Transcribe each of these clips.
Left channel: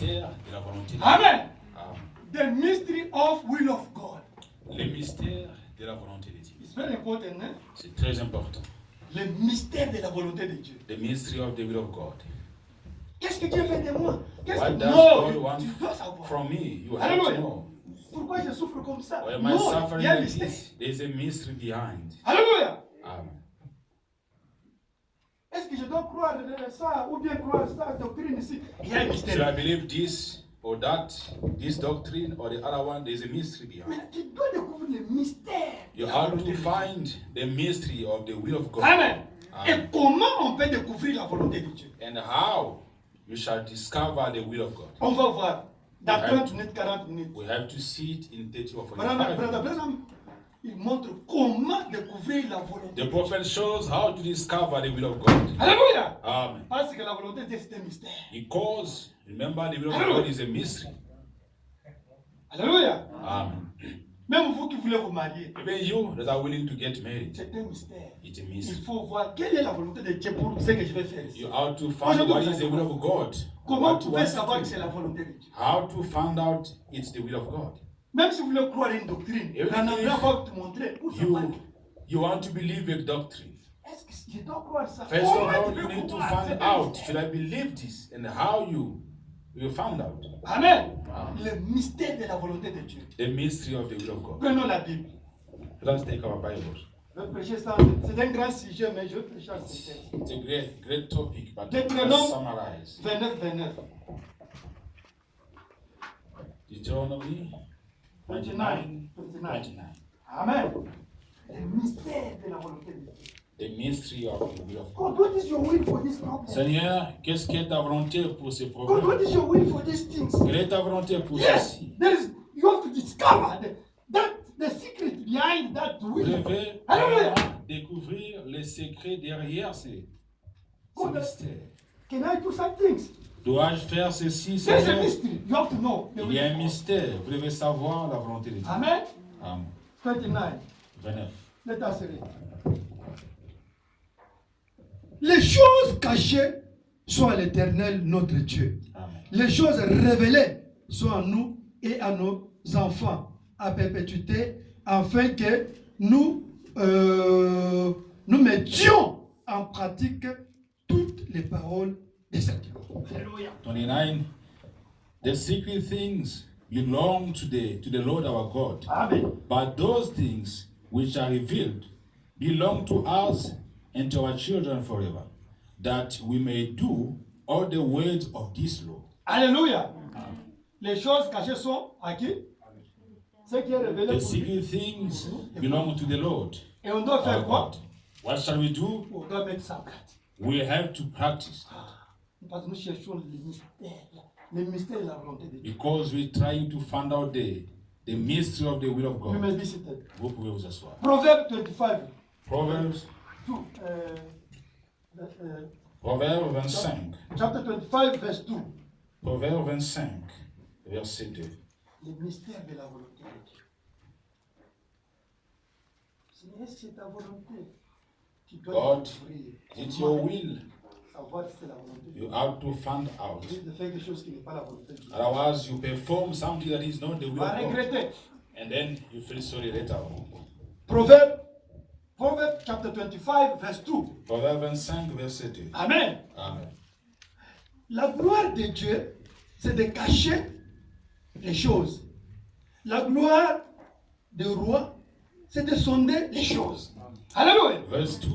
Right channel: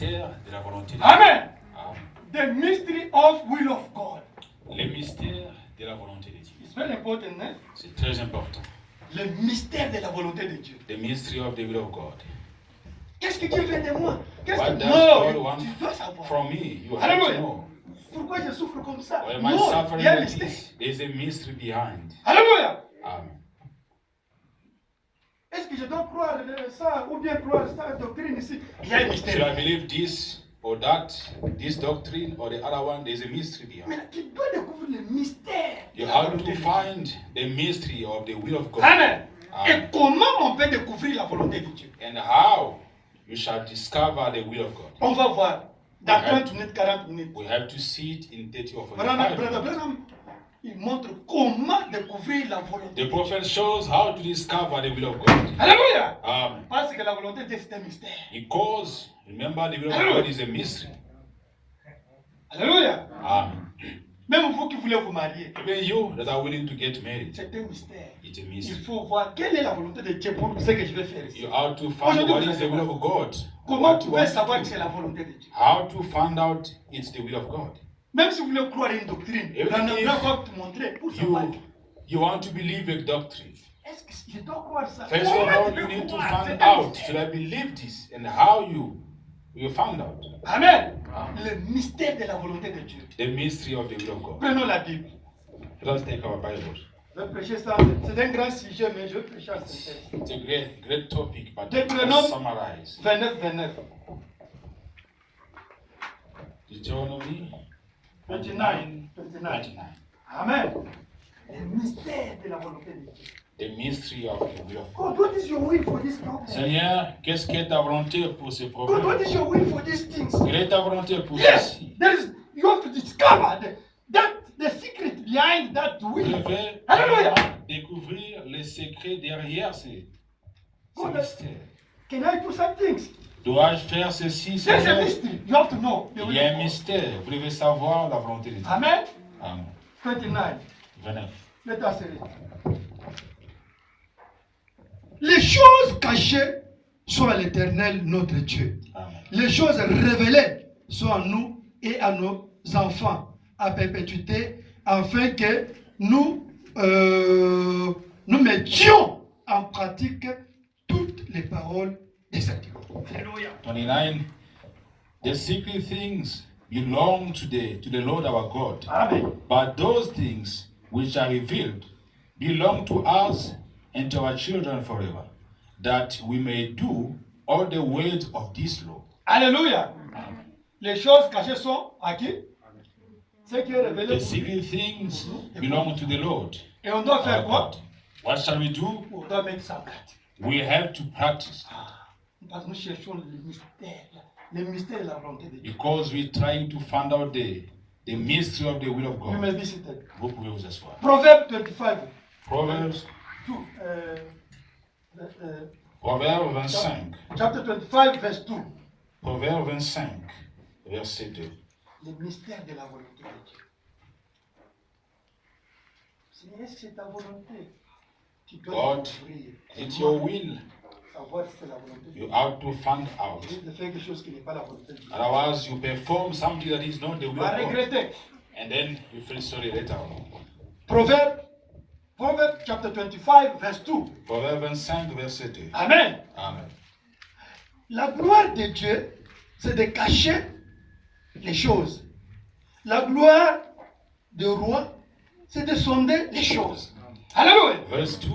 mystères de la volonté de Dieu. Amen. Amen. The mystery of will of God. Les mystères de la volonté de Dieu. It's very important, eh? C'est très important. Le mystère de la volonté de Dieu. The mystery of the will of God. Qu'est-ce que Dieu veut de moi? Qu'est-ce What que does non, God want tu dois savoir. from me? You have Alléluia. to know. Pourquoi je souffre comme ça? Why am I Non, suffering il y a un like mystère. this? There's a mystery behind. Alléluia. Amen. Est-ce que je dois croire ça ou bien croire ça doctrine ici? Il y a un Should I mystère. believe this or that, this doctrine or the other one? There's a mystery behind. Mais tu dois découvrir le mystère. You de la have volonté to de Dieu. find the mystery of the will of God. Amen. Amen. Et comment on peut découvrir la volonté de Dieu? And how you shall discover the will of God. On va voir dans We have- 30 minutes, 40 minutes. We have to see it in 30 or Brother 45 minutes. Branham, il montre comment découvrir la volonté The de Dieu. prophet shows how to discover the will of God. Alléluia. Amen. Parce que la volonté de Dieu, c'est un mystère. Because, remember, the will of God is a mystery. Alléluia. Amen. Même vous qui voulez vous marier, Even you that are willing to get married, c'est un mystère. it's a Il mystery. faut voir quelle est la volonté de Dieu pour ce que je vais faire ici. You have to find what is the will of God. Comment What vous you pouvez want savoir to que c'est do. la volonté de Dieu? How to find out it's the will of God. Même si vous voulez croire une doctrine, Even Branham if va te montrer pour savoir. You want to believe a doctrine. Est-ce que je dois croire ça? First of Comment all, tu you peux need to croire? find C'est un out, mystère. should I believe this, and how you find out. Amen. Le mystère de la volonté de Dieu. The mystery of the will of God. Prenons la Bible. Let us take our Bibles. Je vais prêcher ça. C'est un grand sujet, mais je vais prêcher en synthèse. It's a great topic, but Deutéronome let's summarize. 29, 29. Deuteronomy 29. 29. Amen. Le mystère de la volonté de Dieu. The mystery of the will of God, God. what is your will for this problem? Seigneur, qu'est-ce que ta volonté pour ces God, what problèmes? is your will for these things? Quelle est ta volonté pour Yes, ceci? there is. You have to discover the secret behind that Vous will. devez Hallelujah. découvrir les secrets derrière ces God, mystères. can I do some things? Dois-je faire ceci, There's a Seigneur? mystery. You have to know. the Il will y a of un God. mystère. Vous devez savoir la volonté de Dieu. Amen. Amen. 29. 29. Let us read. Les choses cachées sont à l'Éternel notre Dieu. Amen. Les choses révélées sont à nous et à nos enfants à perpétuité, afin que nous mettions en pratique toutes les paroles de cette loi. Alléluia. 29. The secret things belong to the Lord our God, Amen. but those things which are revealed belong to us and to our children forever, that we may do all the words of this law. Alléluia. Les choses cachées sont à qui? Ce qui est révélé The pour lui. secret things belong to the Lord. Et on doit our faire quoi? God. What shall we do? On doit mettre ça en pratique. We have to practice Parce que nous cherchons le mystère de la volonté de Dieu. because we're trying to find out the mystery of the will of You may God. be seated. Vous pouvez vous asseoir. Proverbe 25. Proverbs, 2. Proverbe 25. Chapter 25, verse 2. Proverbe 25, verset 2. Le mystère de la volonté de Dieu. Seigneur, est-ce que c'est ta volonté? Tu dois God, découvrir. It's your will. Savoir si c'est la volonté de You Dieu. have to find out. Tu risques de faire quelque chose qui n'est pas la volonté de Dieu. Otherwise, you perform something that is not the Tu will vas of God. regretter. And then you feel sorry later on. Proverbe chapter 25, verse 2. Proverbe 25, verset 2. Amen. Amen. La gloire de Dieu, c'est de cacher les choses. La gloire du roi, c'est de sonder les choses. Alléluia. Verse 2.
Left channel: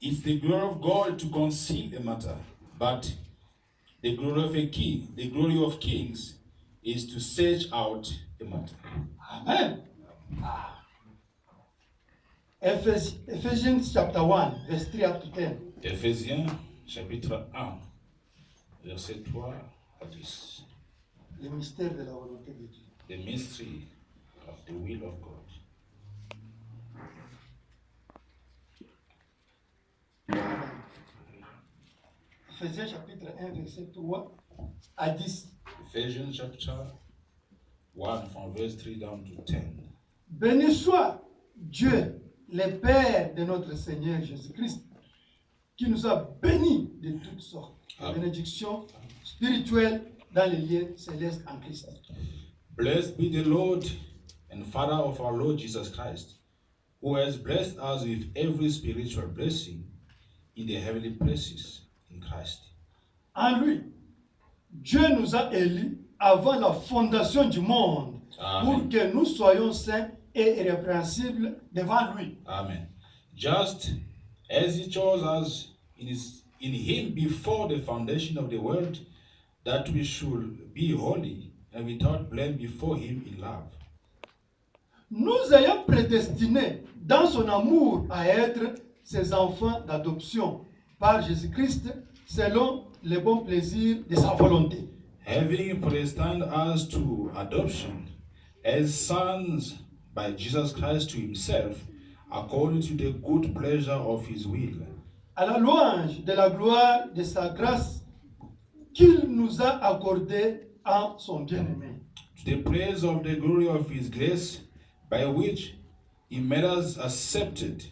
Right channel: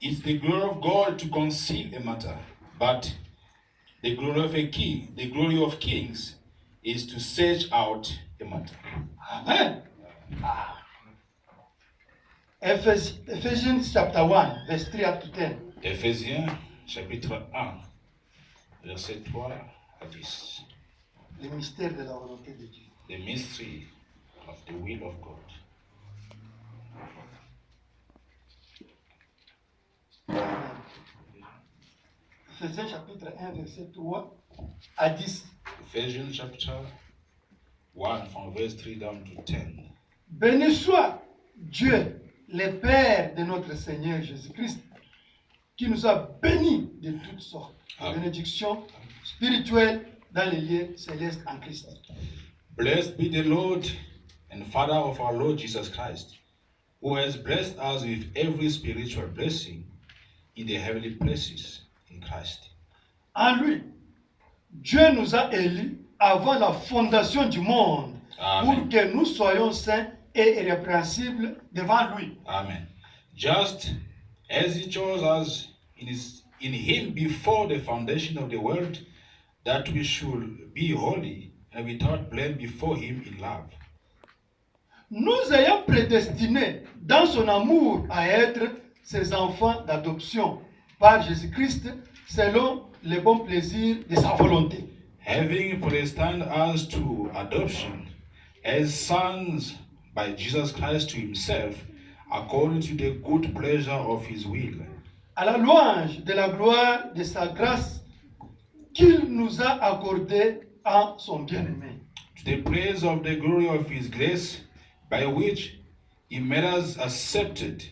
It's the glory of God to conceal a matter, but the glory of a king, the glory of kings, is to search out a matter. Amen. Ah. Ephesians chapter 1, verse 3 up to 10. Éphésiens, chapitre 1, verset 3 à 10. Le mystère de la volonté de Dieu. The mystery of the will of God. Ephésiens chapitre 1, verset 3 à 10. Ephesians chapter 1 from verse 3 down to 10. Béni soit Dieu, le Père de notre Seigneur Jésus-Christ, qui nous a bénis de toutes sortes de Amen. bénédictions spirituelles dans les lieux célestes en Christ. Blessed be the Lord and Father of our Lord Jesus Christ, who has blessed us with every spiritual blessing in the heavenly places in Christ. En lui, Dieu nous a élus avant la fondation du monde. Amen. Pour que nous soyons saints et irrépréhensibles devant lui. Amen. Just as he chose us in him before the foundation of the world, that we should be holy and without blame before him in love. Nous ayons prédestinés dans son amour à être ses enfants d'adoption par Jésus-Christ selon le bon plaisir de sa volonté. Having predestined us to adoption as sons by Jesus Christ to himself, according to the good pleasure of his will. À la louange de la gloire de sa grâce qu'il nous a accordée en son bien-aimé. To the praise of the glory of his grace, by which he made us accepted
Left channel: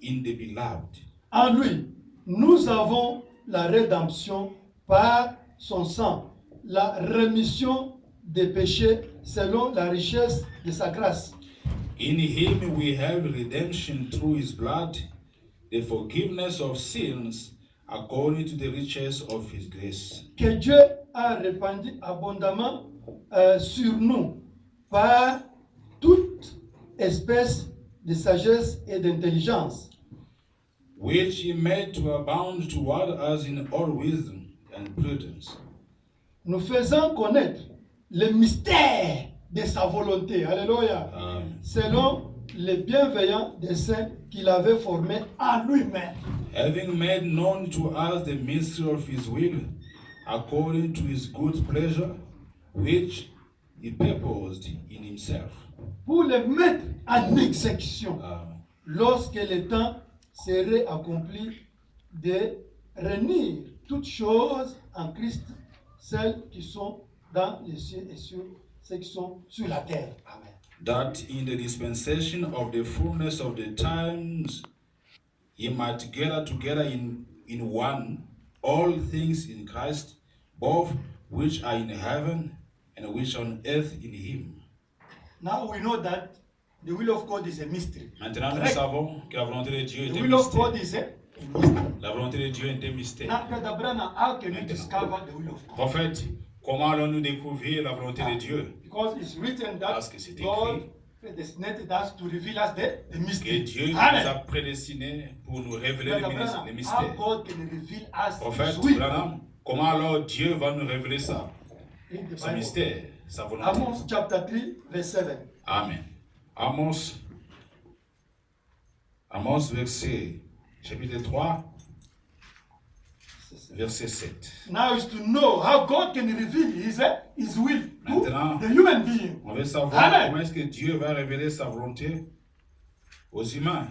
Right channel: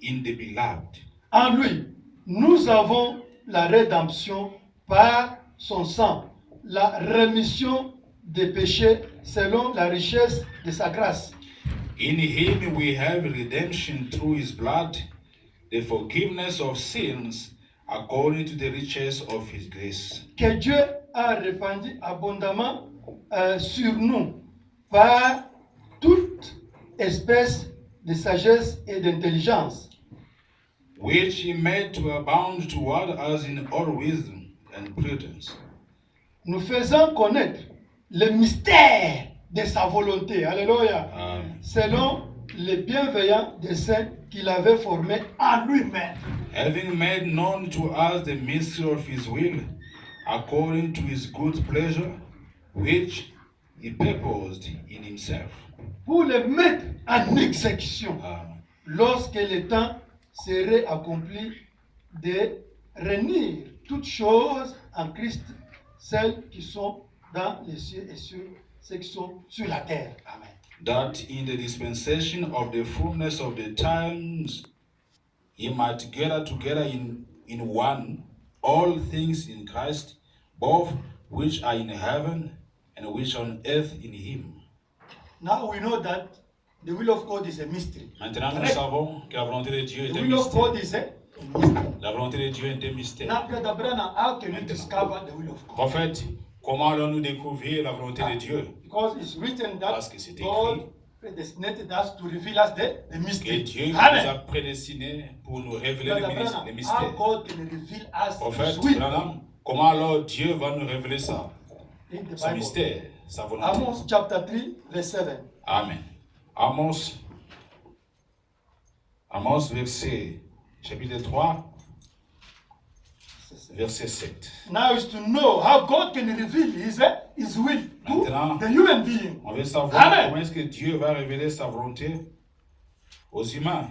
in the beloved. En lui, nous avons la rédemption par son sang, la rémission des péchés selon la richesse de sa grâce. In him we have redemption through his blood, the forgiveness of sins according to the riches of his grace. Que Dieu a répandu abondamment sur nous par toute espèce de sagesse et d'intelligence. Which he made to abound toward us in all wisdom and prudence. Nous faisons connaître le mystère de sa volonté, alléluia, selon les bienveillants desseins qu'il avait formés en lui-même. Having made known to us the mystery of his will, according to his good pleasure, which he purposed in himself. Pour le mettre en exécution, lorsque le temps serait accompli de réunir toutes choses en Christ, celles qui sont dans les cieux et ceux qui sont sur la terre. Amen. That in the dispensation of the fullness of the times he might gather together in one all things in Christ, both which are in heaven and which are on earth in him. Now we know that the will of God is a mystery. Maintenant nous savons que la volonté de Dieu est The un will of God mystère. is a mystery. La volonté de Dieu est un mystère. Now, Brother Branham, how can we discover the will of God? Prophète, comment allons-nous découvrir la volonté de Dieu? Because it's written that Parce que c'est God écrit predestinated us to reveal us the que mystery. Dieu nous Amen. a prédestinés pour nous révéler Brother les Branham, how mystères. God can reveal us Prophète His will Branham, comment alors Dieu va nous révéler ça? in the Ce Bible. mystère, sa volonté. Amos chapter 3, verse 7. Amen. Amos, verset, chapitre 3, verset 7. Now is to know how God can reveal His will to Maintenant, the human being. On veut savoir Amen. comment est-ce que Dieu va révéler sa volonté aux humains.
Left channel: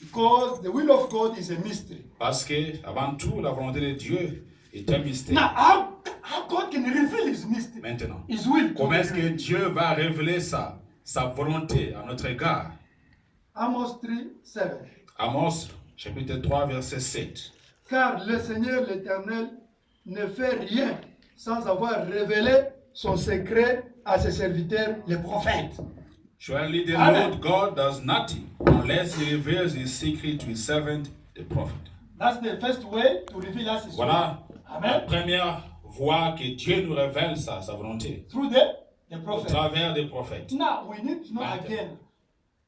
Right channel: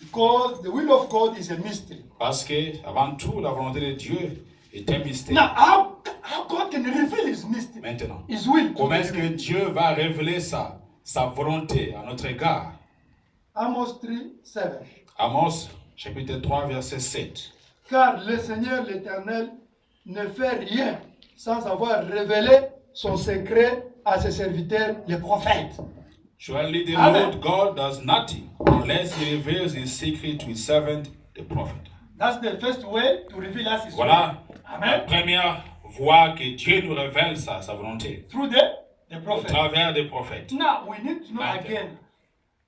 Because the will of God is a mystery. Parce que, avant tout, la volonté de Dieu est un mystère. Now, how God can reveal His mystery, Maintenant, His will to comment the est-ce que human. Dieu va révéler sa volonté à notre égard? Amos 3, 7. Amos, chapitre 3, verset 7. Car le Seigneur l'Éternel ne fait rien sans avoir révélé son secret à ses serviteurs, les prophètes. Surely the Amen. Lord God does nothing unless he reveals his secret to his servant, the prophet. That's the first way to reveal us His Voilà will. la Amen. première voie que Dieu nous révèle sa volonté. Through the Au prophet. travers des prophètes. Now, we need to know Amen. again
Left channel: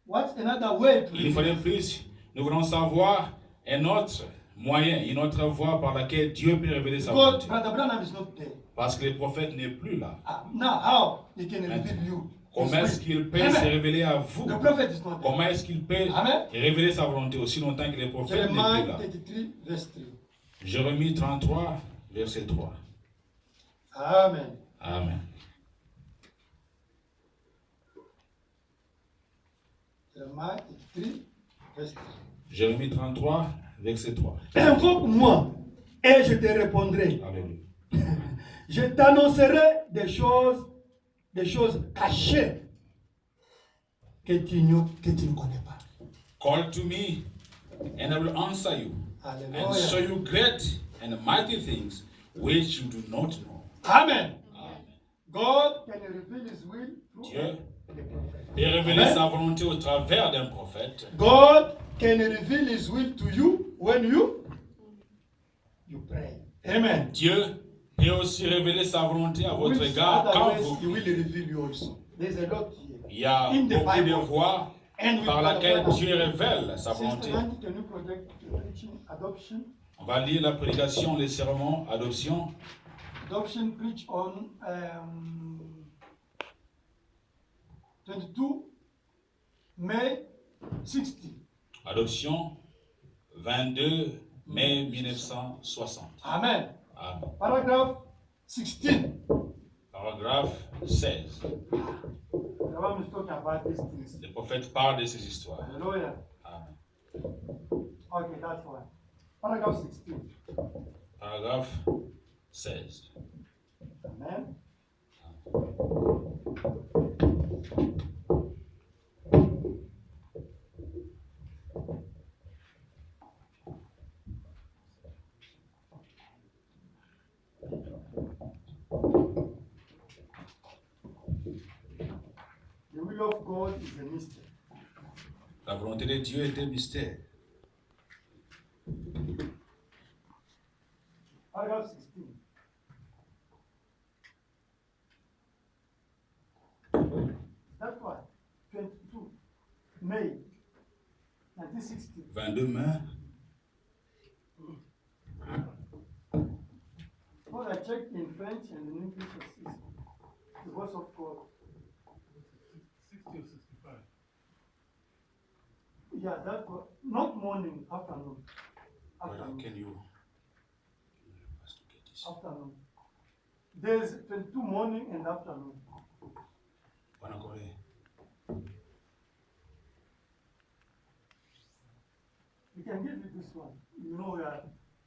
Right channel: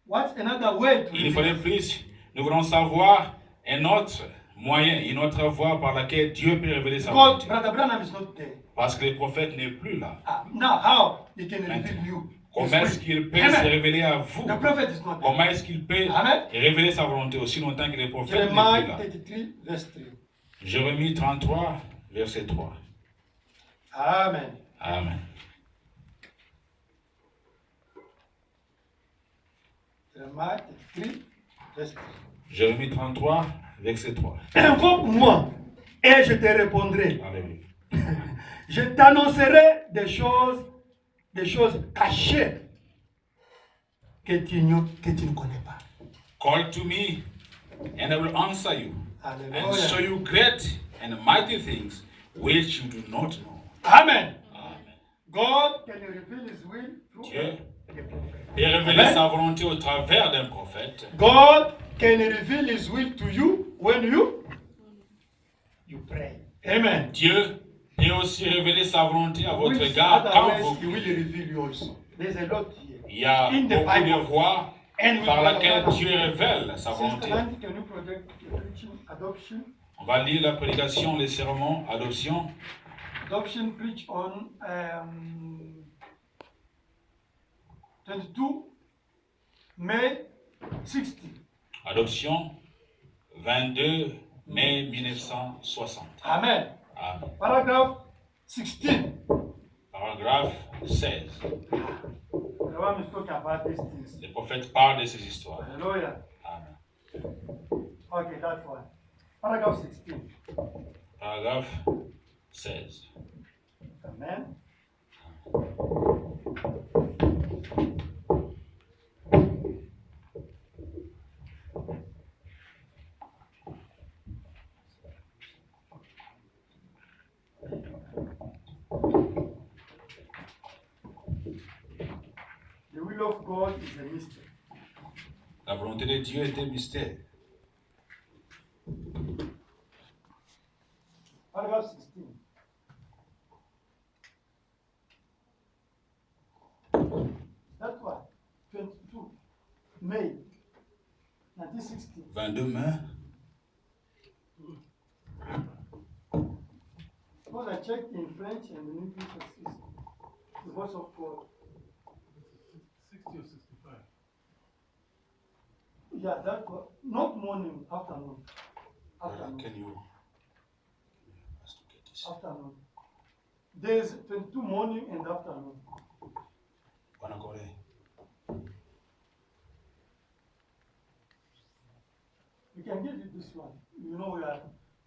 what's another way to Il faudrait reveal us. plus, nous voulons savoir un autre moyen, une autre voie par laquelle Dieu peut révéler sa Because volonté. Brother Branham is not there. Parce que le prophète n'est plus là. Now, how he can reveal you? His Comment est-ce will. qu'il peut Amen. se révéler à vous? The prophet is not there. Comment est-ce qu'il peut Amen. révéler sa volonté aussi longtemps que le prophète n'est plus Jeremiah là? 33, verse 3. Jérémie 33, verset 3. Amen. Amen. Jeremiah 33, verse 3. Jérémie 33, verset 3. Invoque-moi et je te répondrai. Alléluia. Je t'annoncerai des choses cachées que tu ne connais pas. Call to me, and I will answer you, and Alléluia. show you great and mighty things which you do not know. Amen. Amen. God can reveal his will through Dieu a prophet. peut révéler Amen. sa volonté au travers d'un prophète. God can reveal his will to you when you pray. Amen. Dieu peut aussi révéler sa volonté à votre Which égard quand otherwise vous he will priez. reveal you also. There's a lot here. Il y a In the beaucoup de Bible. voies And we par laquelle will- Dieu révèle sa Sister volonté. Nancy, can you project the preaching adoption? On va lire la prédication, les sermons, adoption. Adoption preach on 22 May 60. Adoption, 22 mai 1960. Amen. Amen. Paragraph 16. Paragraphe 16. The one is talking about these things. Le prophète parle de ces histoires. Hallelujah. Amen. Okay, that's one. Paragraph 16. Paragraphe 16. Amen. The will of God is a mystery. La volonté de Dieu est un mystère. Paragraph 16. That one. 22 May 1960. 22 mai. Because I checked in French and in English, it's the voice of God. 60 or 65. Yeah, that one. Not morning, afternoon. Afternoon. Can you? Afternoon. There's 22 morning and afternoon. Bonne Corée. We can give you this one. You know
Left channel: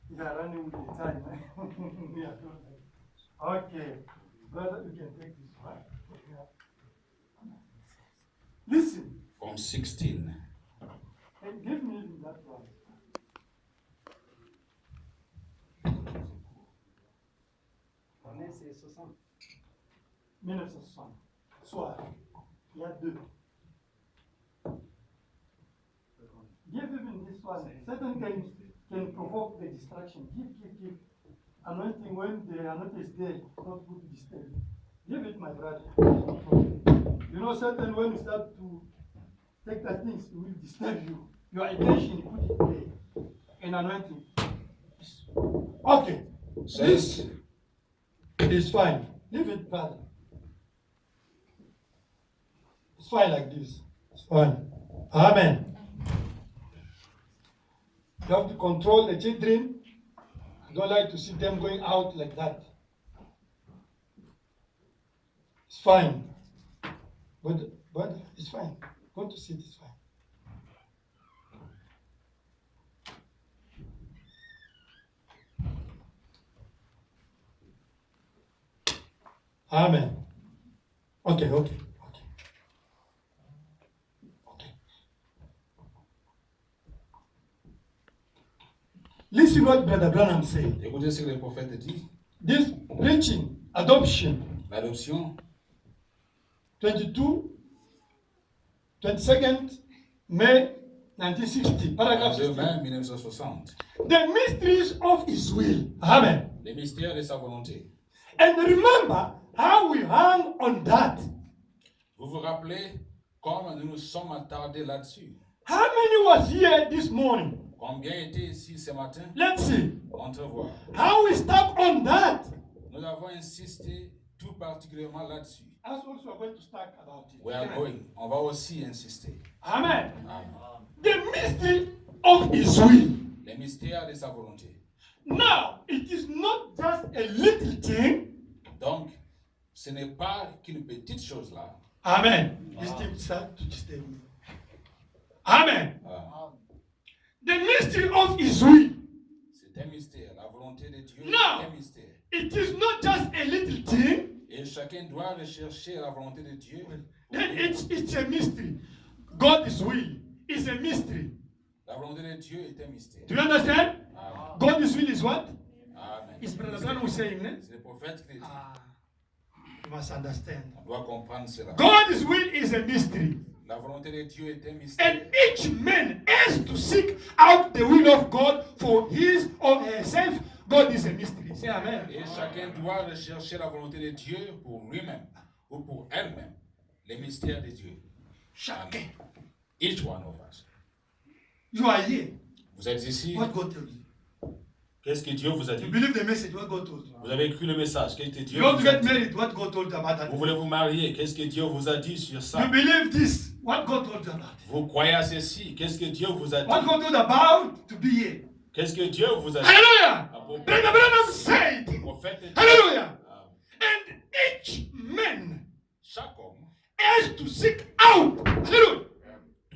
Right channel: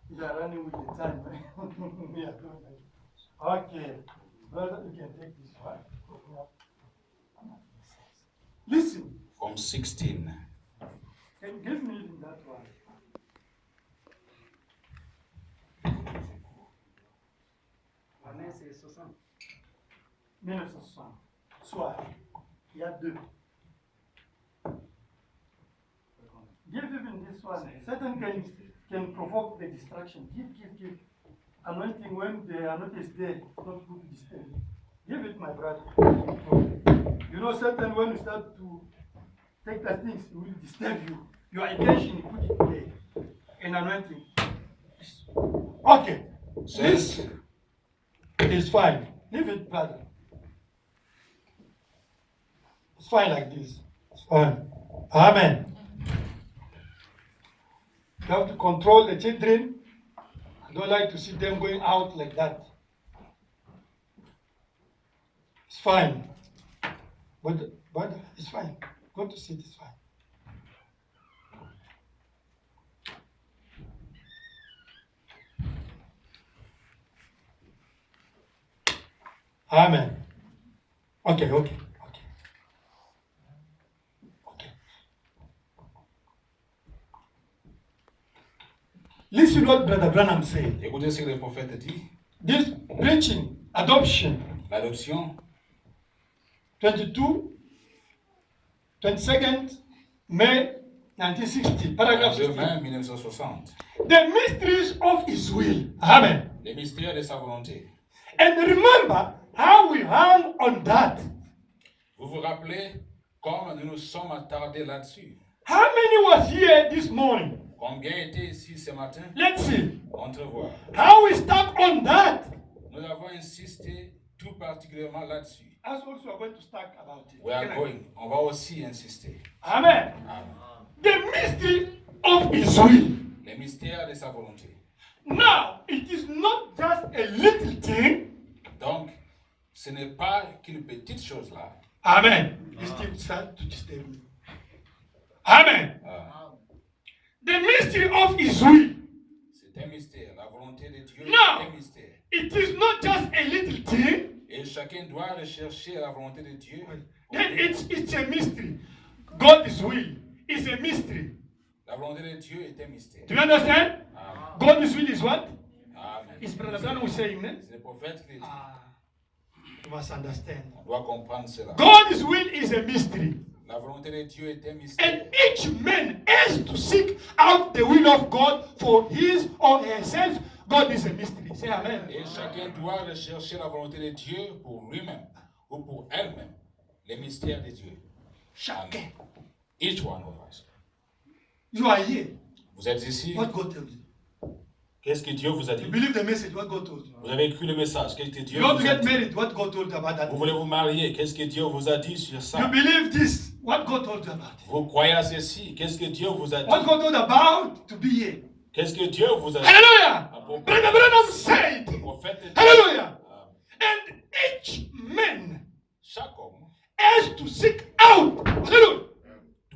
we are running with the time. Yeah, okay. Brother, you can take this one. Listen, From 16. and give me that one. Année, c'est 60. 1960. Soit, il y a deux. Give even this one. Satan can provoke the distraction. Give. Anointing when the anointing is there, it's not good to disturb. Give it, my brother. You know, Satan, when you start to take the things, it will disturb you. Your attention, you put it there. An anointing. Okay. This is fine. Leave it, brother. It's fine like this. It's fine. Amen. You have to control the children. I don't like to see them going out like that. It's fine. But it's fine. Go to sit, it's fine. Amen. Okay. Listen what Brother Branham said. Écoutez ce que le prophète dit. This preaching, adoption, L'adoption, 22nd May 1960, paragraph 22 mai 16. 1960. The mysteries of His will. Amen. Les mystères de sa volonté. And remember how we hung on that. Vous vous rappelez comme nous nous sommes attardés là-dessus? How many was here this morning? Combien étaient ici ce matin? Let's see. Entrevoir. How we stuck on that. Nous avons insisté tout particulièrement là-dessus. As also we're going to start about it. We are going. On va aussi insister. Amen. Amen. The mystery of His will. Les mystères de sa volonté. Now, it is not just a little thing. Donc, ce n'est pas qu'une petite chose là. Amen. This thing start to disturb me. Amen. The mystery of His will. C'est un mystère. La volonté de Dieu No. est un mystère. It is not just a little thing. Et chacun doit rechercher la volonté de Dieu. Then it's a mystery. God's will is a mystery. La volonté de Dieu est un mystère. Do you understand? Amen. God's will is what? Amen. Is Brother Branham who saying that? C'est le prophète qui le dit. You must understand. On doit comprendre cela. God's will is a mystery. La volonté de Dieu est un mystère. And each man has to seek out the will of God for his or herself. God is a mystery. Say amen. Et chacun doit rechercher la volonté de Dieu pour lui-même ou pour elle-même. Les mystères de Dieu. Chacun. Each one of us. You are here. Vous êtes ici. What God told you? Qu'est-ce que Dieu vous a dit? You believe the message, what God told you. Vous avez écrit le message. Qu'est-ce que Dieu You want to vous a get dit? married, what God told you about that. Vous voulez vous marier. Qu'est-ce que Dieu vous a dit sur You ça? believe this, what God told you about it. Vous croyez à ceci. Qu'est-ce que Dieu vous a dit? What God told you about to be here. Qu'est-ce que Dieu vous a dit? Hallelujah! À propos Brother Branham said, du prophète de Dieu. hallelujah! Amen. And each man Chaque homme has to seek out, hallelujah,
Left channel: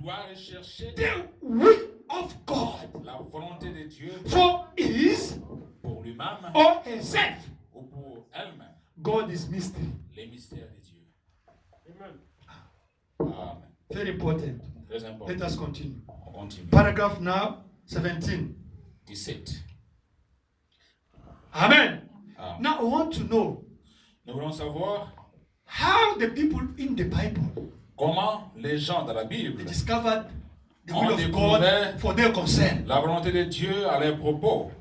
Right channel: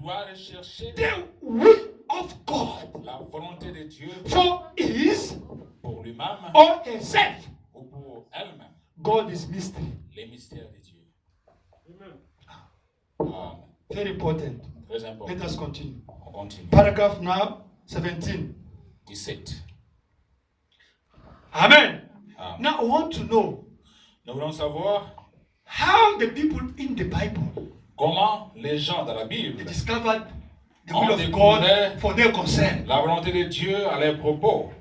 doit rechercher the will of God la volonté de Dieu for his pour lui-même or herself. ou pour elle-même. God is mystery. Les mystères de Dieu. Amen. Amen. Very important. Très Let important. us continue. On continue. Paragraph now 17. 17. Amen. Amen. Now I want to know Nous voulons savoir how the people in the Bible comment les gens dans la Bible discovered the On will of découvrait God for their concern. la volonté de Dieu à leurs propos.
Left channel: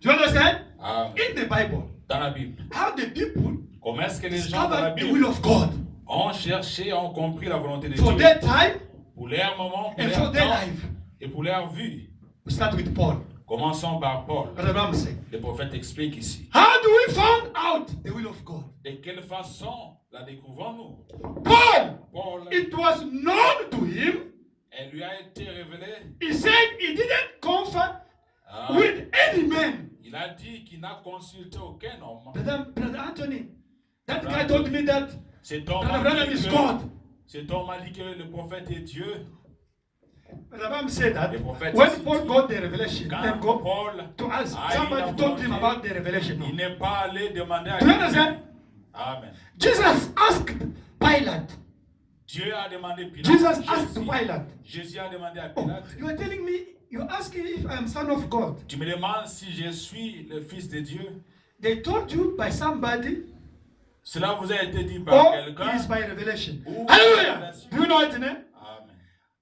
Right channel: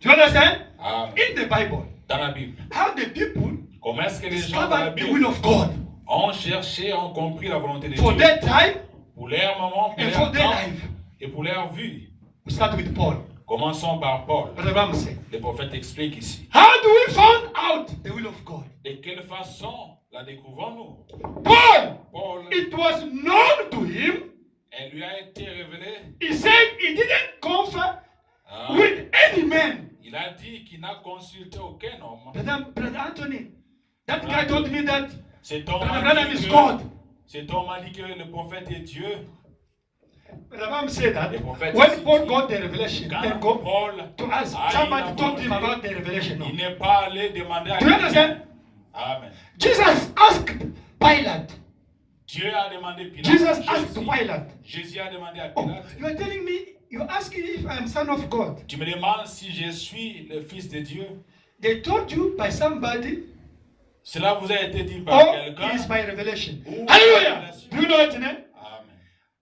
Do you understand? Amen. In the Bible, Dans la Bible. how the people Comment est-ce que les gens dans la discovered the will Bible of God ont cherché, ont compris la volonté de for Dieu their time pour leur moment, pour and leur for their temps life. et pour leur vue? We start with Paul. Commençons par Paul. Brother Branham said, Le prophète explique ici. how do we find out the will of God? De quelle façon la découvrons-nous? Paul, Paul, it was known to him. elle lui a été révélée. He said he didn't confer Ah, with any man. il a dit qu'il n'a consulté aucun homme. Brother Anthony, that guy told me that Cet homme Brother a Branham dit is que- God. cet homme a dit que le prophète est Dieu. Brother Branham said that The prophet when is- Paul got the revelation, Quand then go Paul to ask. a eu Somebody la told him volonté, about the revelation. No. il n'est pas allé demander à Do you quelqu'un. understand? Amen. Jesus asked Pilate. Dieu a demandé Pilate. Jesus asked Jésus, Pilate. Jésus a demandé à Oh, Pilate. you are telling me, you're asking if I'm son of God. Tu me demandes si je suis le fils de Dieu. They told you by somebody Cela vous a été dit par or quelqu'un. it is by revelation. Ou Hallelujah. révélation. Do you know it, ne? Amen.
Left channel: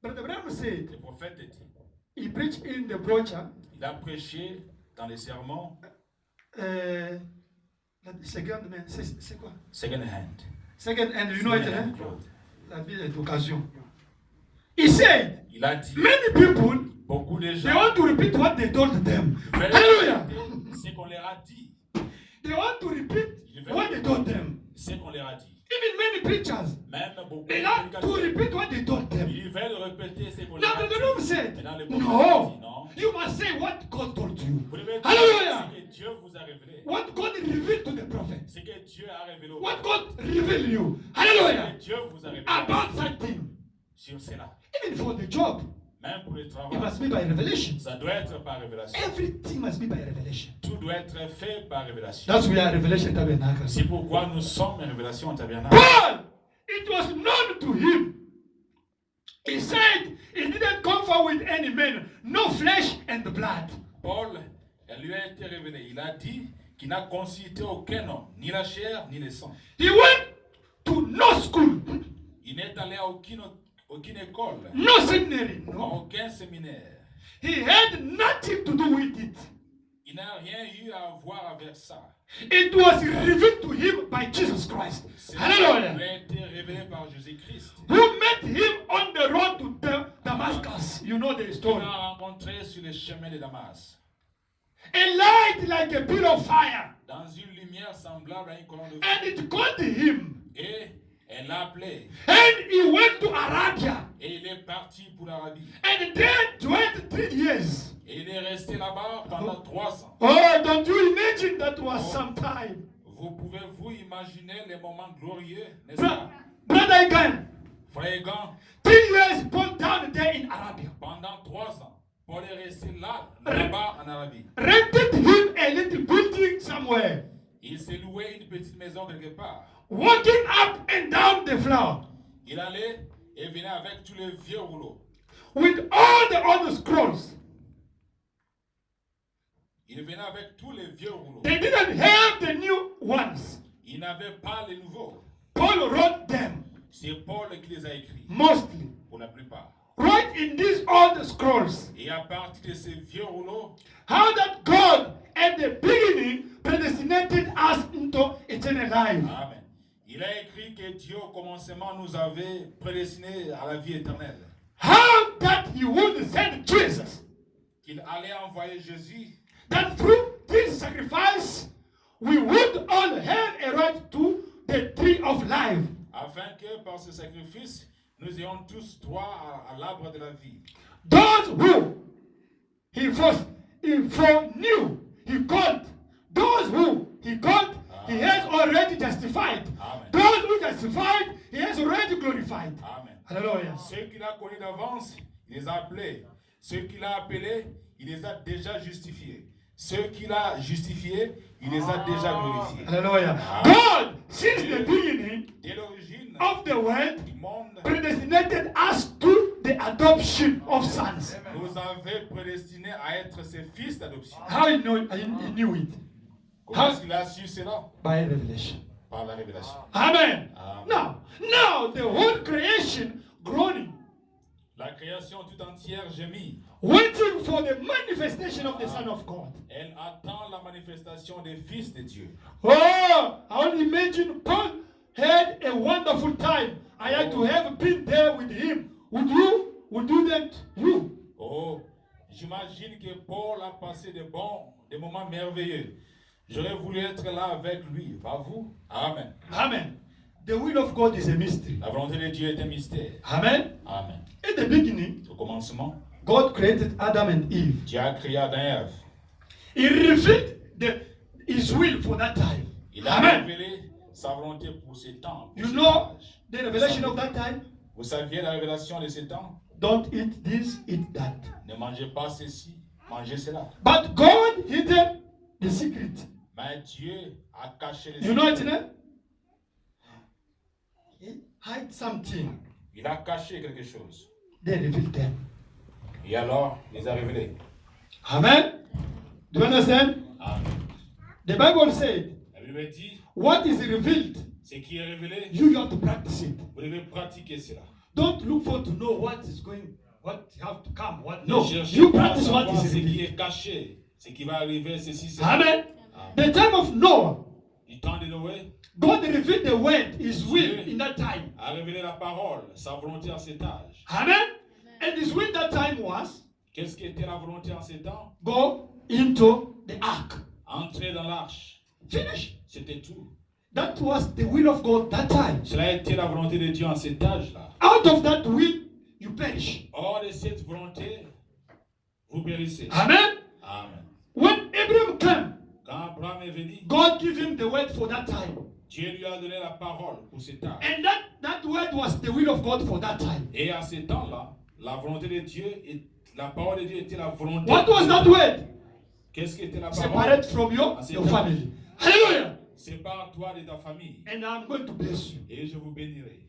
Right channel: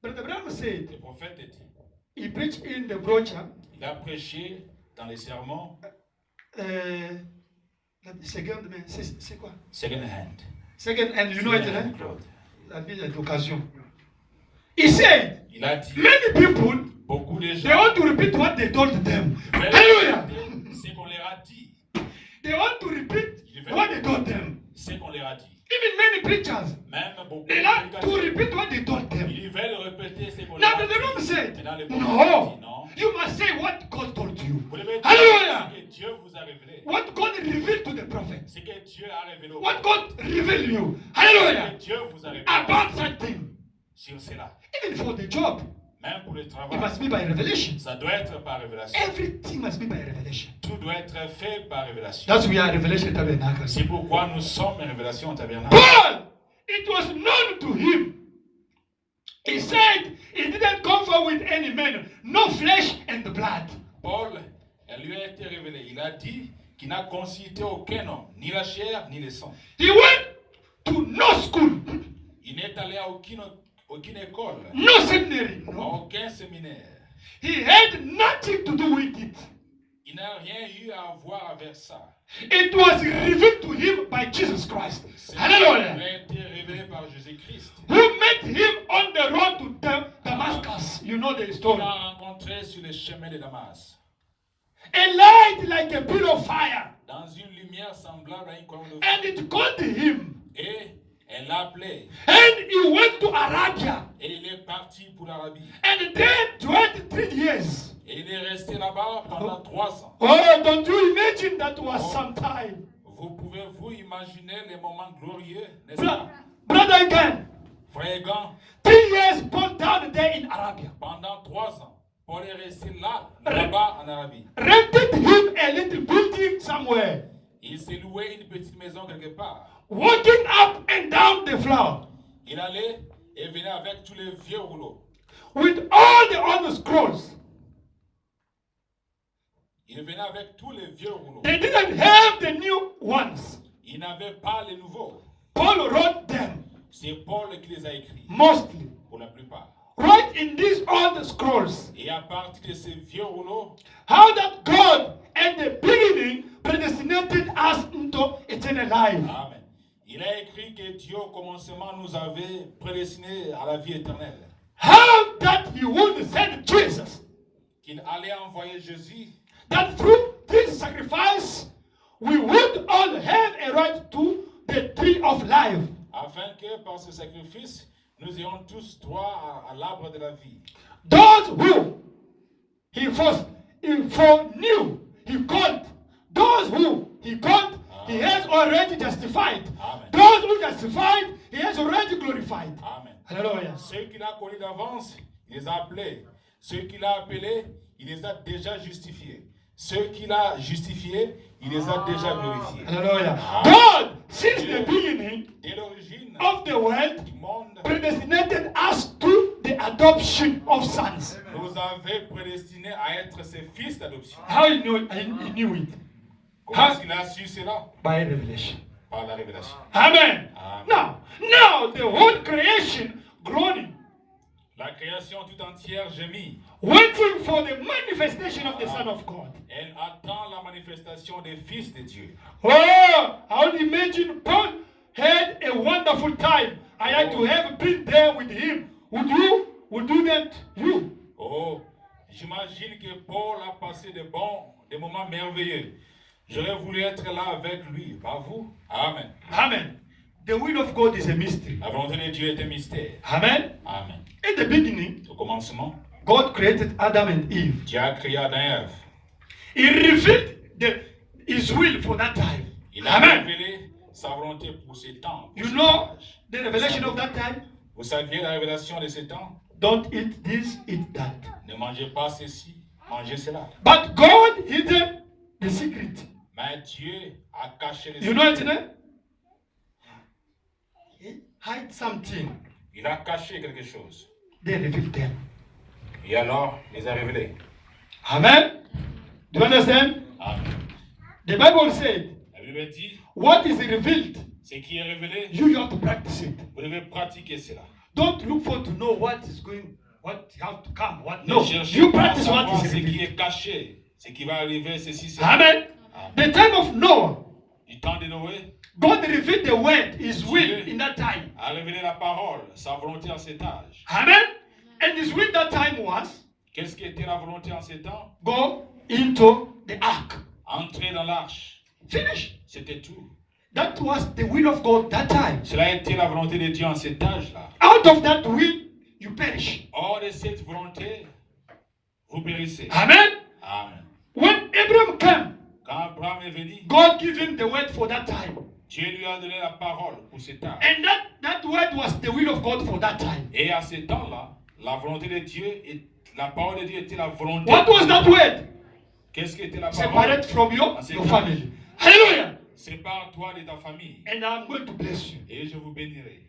Brother Branham said, Le prophète dit. he preached in the brochure, Il a prêché dans les sermons the second, c'est quoi? second hand. Second, and you know it, Second hand ne? cloth. Ça a été l'occasion. He said, Il a dit. many people, Beaucoup de they gens want to repeat what they told them. veulent Hallelujah. répéter ce qu'on leur a dit. They want to repeat what they told them. Ce qu'on leur a dit. Even many preachers, Même beaucoup they de like to prédicateurs, repeat what they told them. ils veulent répéter ce qu'on Now leur a the Branham dit. said, Maintenant, le prophète a dit no, non. you must say what God told you. Vous devez dire Hallelujah. ce que Dieu vous a révélé. What God revealed to the prophet. Ce que Dieu a révélé au What prophète. God revealed you. Ce Hallelujah. que Dieu vous a révélé About something. sur cela. Even for the job, Même pour le it travail. must be by revelation. Ça doit être par révélation. Everything must be by revelation. Tout doit être fait par révélation. That's why Revelation Tabernacle. C'est pourquoi nous sommes une révélation au tabernacle. Paul, it was known to him. He said he didn't confer with any man, no flesh and blood. Paul, elle lui a été révélée. Il a dit qu'il n'a consulté aucun homme, ni la chair, ni le sang. He went to no school, Il n'est allé à aucune école, no seminary. à No. aucun séminaire. He had nothing to do with it. Il n'a rien eu à voir avec ça. It was revealed to him by Jesus Christ. C'est Hallelujah. lui a été révélé par Jésus-Christ. Who met him on the road to Damascus. You know the Il story. l'a rencontré sur le chemin de Damas, A light like a pillar of fire. dans une lumière semblable à une colonne de And feu. it called him. Et elle l'a appelé. And he went to Arabia. Et il est parti pour l'Arabie. And there dwelt 3 years. Et il est resté là-bas pendant 3 ans. Oh, don't you imagine that was some time? Vous pouvez-vous imaginer les moments glorieux, n'est-ce Bro- pas? Brother again. Frère Gant, 3 years Paul down there in Arabia. pendant 3 ans, Paul est resté là-bas en Arabie. Rented him a little building somewhere. Il s'est loué une petite maison quelque part. Walking up and down the floor. Il allait et venait avec tous les vieux rouleaux. With all the other scrolls. Il venait avec tous les vieux rouleaux. They didn't have the new ones. Il n'avait pas les nouveaux. Paul wrote them C'est Paul qui les a écrits, mostly. pour la plupart. Right in these old scrolls. Et à partir de ces vieux rouleaux, How that God at the beginning predestinated us into eternal life. Amen. Il a écrit que Dieu au commencement nous avait prédestinés à la vie éternelle. How that he would send Jesus. Qu'il allait envoyer Jésus, That through this sacrifice we would all have a right to the tree of life. afin que par ce sacrifice, nous ayons tous droit à l'arbre de la vie. Those who he foreknew, he called. Those who he called, he has already justified. Amen. Those who justified, he has already glorified. Amen. Hallelujah. Ceux qu'il a connus d'avance, il les a appelés. Ceux qu'il a appelés, il les a déjà justifiés. Ceux qu'il a justifiés, il les a déjà glorifiés. Hallelujah. Amen. God, since the beginning Dès l'origine of the world, du monde, predestinated us to the adoption of sons. nous avait prédestinés à être ses fils d'adoption. How he knew it? Comment est-ce qu'il a su cela? By revelation. Par la révélation. Amen. Amen. Now the whole creation groaning, La création tout entière gémit. waiting for the manifestation of the Son of God. Elle attend la manifestation des fils de Dieu. Oh, I would imagine Paul had a wonderful time. I had to have been there with him. Would you that you? Oh, j'imagine que Paul a passé des moments merveilleux. J'aurais voulu être là avec lui. Pas vous? Amen. Amen. The will of God is a mystery. La volonté de Dieu est un mystère. Amen. Amen. In the beginning, Au commencement, God created Adam and Eve. Dieu a créé Adam et Ève. He revealed his will for that time. Il a Amen. révélé sa volonté pour ces temps. pour You cet know âge. the revelation of that time? Vous saviez la révélation de ces temps? Don't eat this, eat that. Ne mangez pas ceci, mangez cela. But God hidden the secret. Mais Dieu a caché les You know it, secrets. né? He hide something. Il a caché quelque chose. They revealed them. Et alors, il les a révélés. Amen. Do you understand? Amen. The Bible said, La Bible dit, what is revealed, ce qui est révélé, you have to practice it. vous devez pratiquer cela. Don't look for to know what is going, what have to come, what Ne no. cherchez You pas à practice what savoir is ce qui revealed. est caché, ce qui va arriver, ceci, cela. Amen. The time of Noah, Du temps de Noé, God revealed the word, His will in that time. a révélé la parole, sa volonté en cet âge. Amen. And His will that time was Qu'est-ce qui était la volonté en ces temps? go into the ark. Entrer dans l'arche. Finish. C'était tout. That was the will of God that time. Cela a été la volonté de Dieu en cet âge-là. Out of that will, you perish. Hors de cette volonté, vous périssez. Amen. Amen. When Abraham came, Quand Abraham est venu, God gave him the word for that time. Dieu lui a donné la parole pour cet âge. And that word was the will of God for that time. Et à ce temps-là, la volonté de Dieu, la parole de Dieu était la volonté. What was that word? Qu'est-ce qui était la parole? Separate from your Ah, c'est family. Hallelujah. Sépare-toi de ta famille And I'm going to bless you. et je vous bénirai.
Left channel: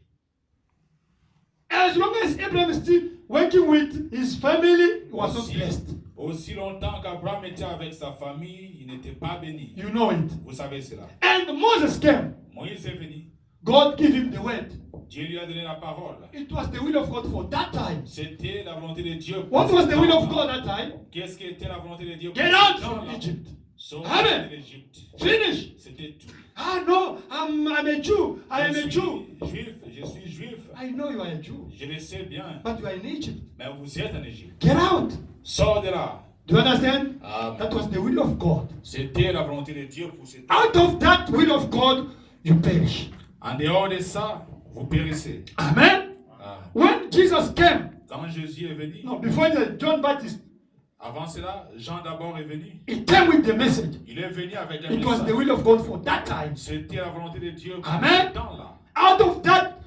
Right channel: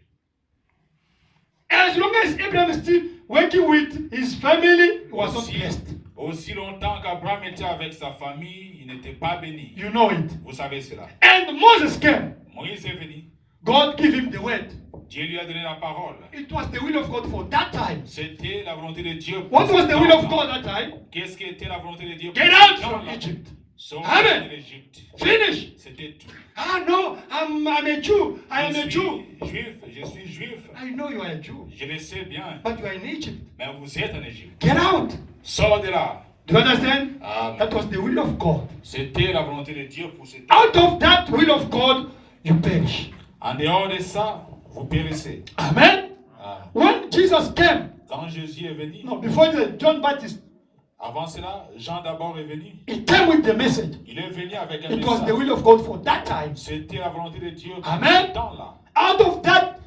As long as Abraham is still working with his family, he was not Aussi, blessed. aussi longtemps qu'Abraham était avec sa famille, il n'était pas béni. You know it. Vous savez cela. And Moses came. Moïse est venu. God gave him the word. Dieu lui a donné la parole. It was the will of God for that time. C'était la volonté de Dieu. pour What was ce the will of temps-là. God that time? Qu'est-ce qui était la volonté de Dieu? pour Get ce out temps-là? from Egypt. Sortir Amen. de l'Égypte. Finish. C'était tout. Ah no, I'm a Jew. I am a Je Jew. suis juif, je suis juif. I know you are a Jew, Je le sais bien. but you are in Egypt. Mais vous êtes en Égypte. Get out. Sors de là. Do you understand? Amen. That was the will of God. C'était la volonté de Dieu pour ce temps. Out of that will of God, you perish. En dehors de ça, vous périssez. Amen. Amen. When Jesus came, Quand Jésus est venu, no, before John Baptist, avant cela, Jean d'abord est venu. he came with the message. Il est venu avec un It was the message. will of God for that time. C'était la volonté de Dieu pour Amen. ce temps-là. Out of that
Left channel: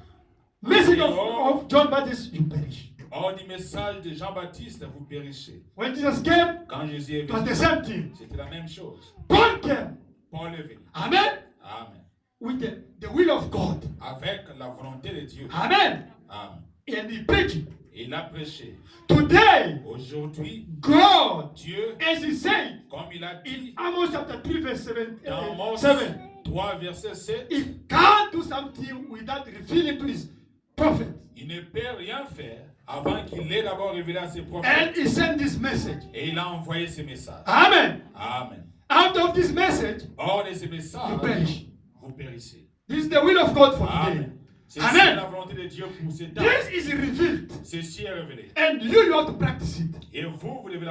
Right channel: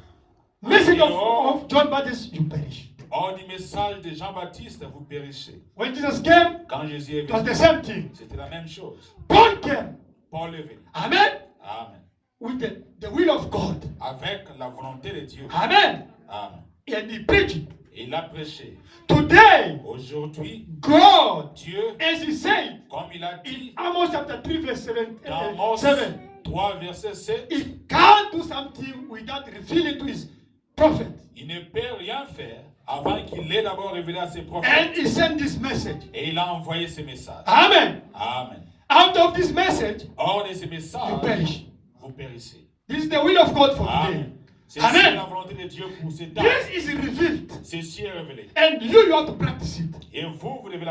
message of John Baptist, you perish. Hors du message de Jean-Baptiste, vous périssez. When Jesus came, Quand Jésus est it was venu, the same thing. c'était la même chose. Paul came. Paul est venu. Amen. Amen. With the will of God. Avec la volonté de Dieu. Amen. Amen. And he preached. Et il a prêché. Today, Aujourd'hui, God, Dieu, as he said comme il a in dit Amos chapter 3, verse 7, dans Amos 7, 3, verset 7, he can't do something without revealing to his prophet. il ne peut rien faire avant qu'il ait d'abord révélé à ses And prophètes. he sent this message. Et il a envoyé ce message. Amen. Amen. Out of this message, Hors de ce you message, perish. vous périssez. This is the will of God for today. Amen. C'est Amen. la volonté de Dieu pour ces temps. This is revealed. Ceci est révélé. And you have to practice it. Et vous, vous devez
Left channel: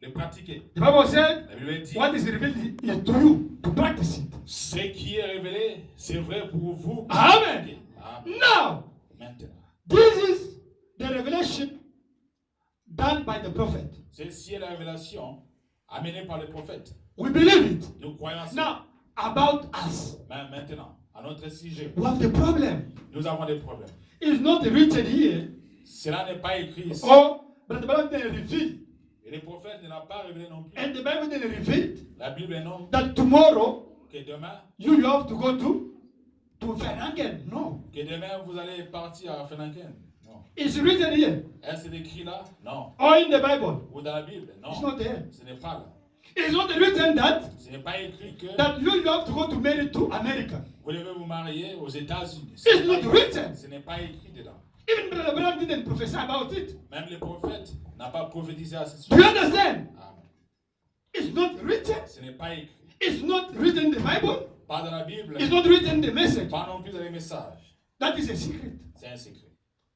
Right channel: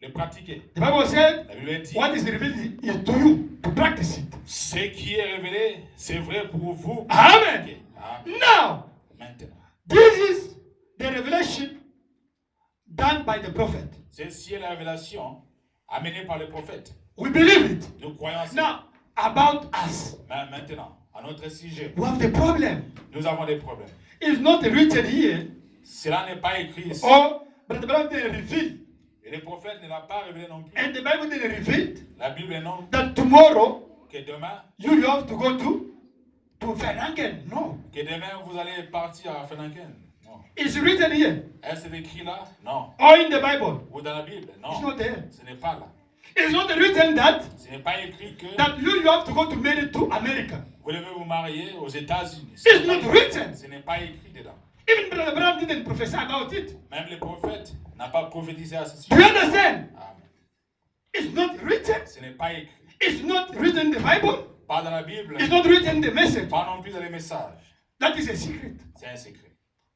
le pratiquer. The Bible said, La Bible dit, what is revealed is to you to practice it. ce qui est révélé, c'est vrai pour vous. Amen. Amen. Now, Maintenant, this is the revelation done by the prophet. ceci est la révélation amenée par le prophète. We believe it. Nous croyons ça. Now, about us, Mais maintenant, à notre sujet, we have the problem. nous avons des problèmes. It's not written here, Cela n'est pas écrit ici. or but the Bible didn't reveal. Et le prophète ne l'a pas révélé non plus. And the Bible didn't reveal La Bible non that tomorrow que demain, you have to go to Fernangen. No. que demain vous allez partir à Fenanken. Non. It's written here, Est-ce écrit là? Non. or in the Bible. Ou dans la Bible? It's Non. not there. Ce n'est pas là. It's not written that Ce n'est pas écrit que you have to go to marry to America. vous devez vous marier aux États-Unis. Ce It's n'est not pas- written. Ce n'est pas écrit dedans. Even Brother Abraham didn't prophesy about it. Même le prophète n'a pas prophétisé à ce Do you sujet. understand? Amen. It's not written. Ce n'est pas écrit. It's not written in the Bible. Pas dans la Bible. It's not written in the message. Pas non plus dans les messages. That is a secret. C'est un secret.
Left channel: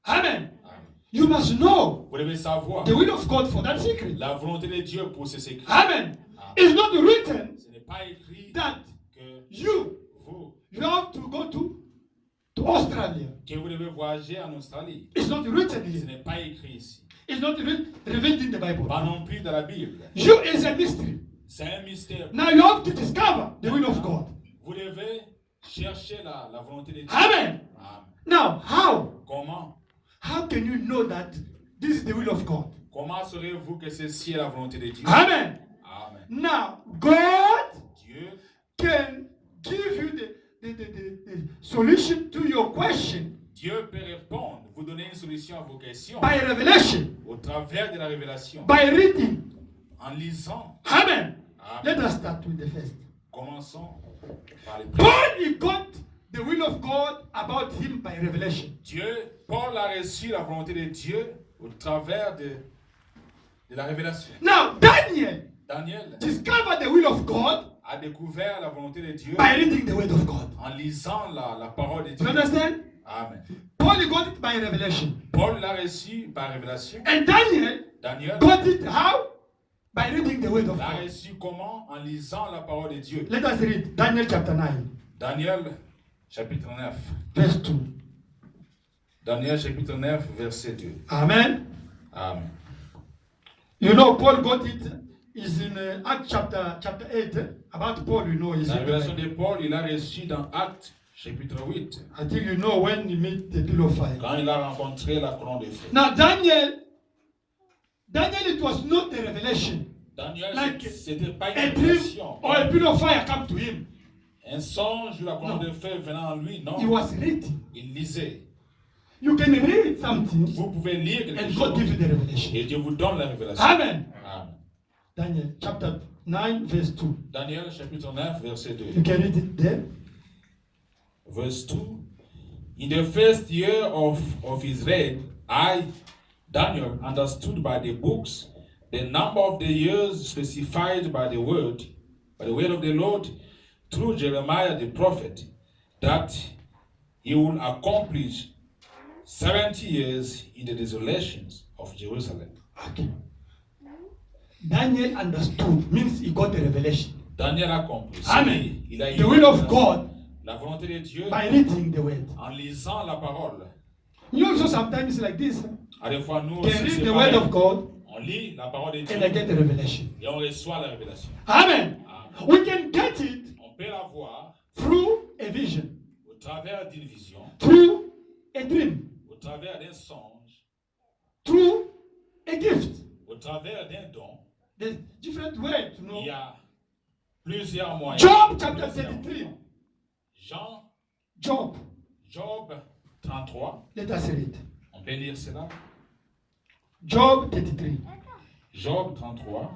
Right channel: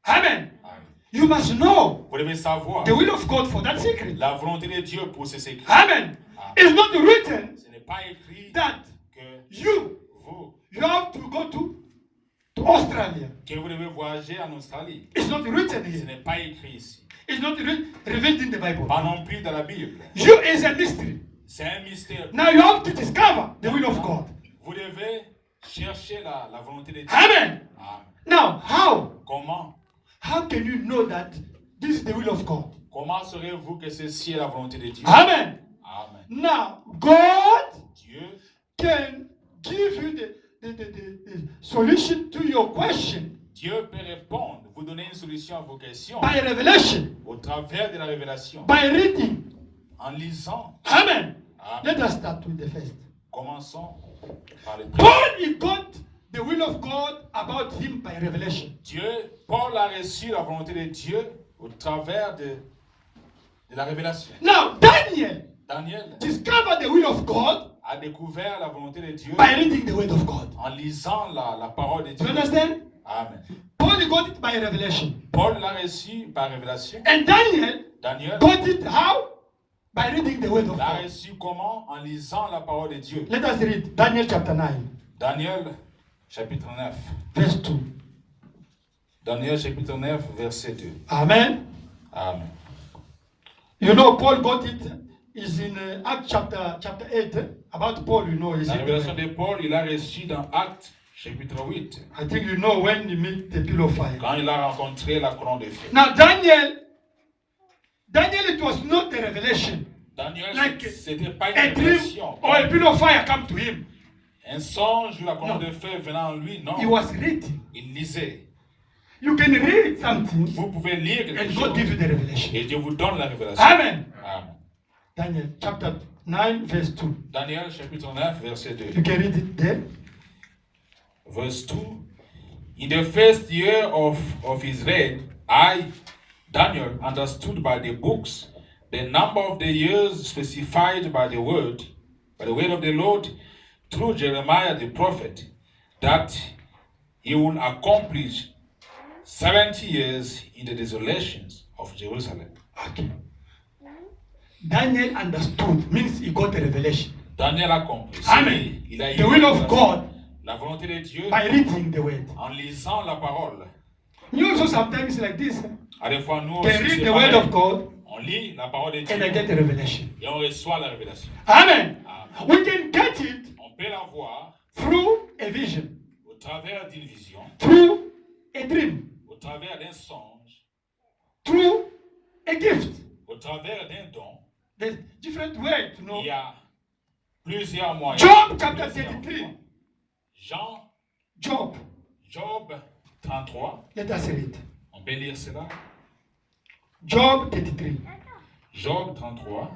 Amen. Amen. You must know Vous devez savoir the will of God for that secret. la volonté de Dieu pour ce secret. Amen. It's not written Ce n'est pas écrit that que you vous, have to go to Australia. que vous devez voyager en Australie. It's not written Ce here. n'est pas écrit ici. It's not revealed in the Bible. Pas non plus dans la Bible. You is a mystery. C'est un mystère. Now you have to discover the will of God. Vous devez chercher la volonté de Dieu. Amen. Amen. Now, how? Comment? How can you know that this is the will of God? Comment saurez-vous que ceci est la volonté de Dieu? Amen. Amen. Now, God Dieu can give you the solution to your question Dieu peut répondre, vous donner une solution à vos questions by revelation, au travers de la révélation, by reading. en lisant. Amen. Amen. Let us start with the first. Commençons par le premier. Paul, he got the will of God about him by revelation. Paul a reçu la volonté de Dieu au travers de la révélation. Now, Daniel Daniel discovered the will of God a découvert la volonté de Dieu by reading the word of God. en lisant la parole de Do Dieu. you understand? Amen. Paul he got it by revelation. Paul l'a reçu par révélation. And Daniel Daniel got it how? By reading the word of l'a God. reçu comment? En lisant la parole de Dieu. Let us read Daniel chapter 9, Daniel chapitre 9. verse 2. Daniel chapitre 9, verset 2. Amen. Amen. You know, Paul got it is in Acts chapter 8. About Paul, you know, is La in the révélation Bible. de Paul, il l'a reçu dans Actes chapitre 8, I think you know when he met the pillar of fire. quand il a rencontré la colonne de feu. Now, Daniel, it was not a revelation. Daniel, Like c'était pas une A dream révélation. or a pillar of fire come to him. Un songe ou la colonne No. de feu venant en lui, non. He was reading. Il lisait. You can read something Vous pouvez lire quelque and God chose give you the revelation. et Dieu vous donne la révélation. Amen. Amen. Daniel chapter 9, verse 2. Daniel chapitre 9, verset 2. You can read it there. Verse 2. In the first year of his reign, I, Daniel, understood by the books the number of the years specified by the word of the Lord through Jeremiah the prophet, that he will accomplish 70 years in the desolations of Jerusalem. Okay. Daniel understood means he got the revelation Daniel accomplit. Amen. Il a eu The will of God la volonté de Dieu by reading the word. en lisant la parole. You also sometimes like this. À des fois, nous Can aussi, read c'est the word pareil. of God On lit la parole de Dieu and I get the revelation. et on reçoit la révélation. Amen. Amen. We can get it On peut la voir through a vision, au travers d'une vision, through a dream, au travers d'un songe, through a gift. au travers d'un don. There's different ways to know. Il y a plusieurs moyens. Job chapter Plusieurs 33. moyens. Job. Job 33. Let us read. On peut lire cela. Job 33. Job 33.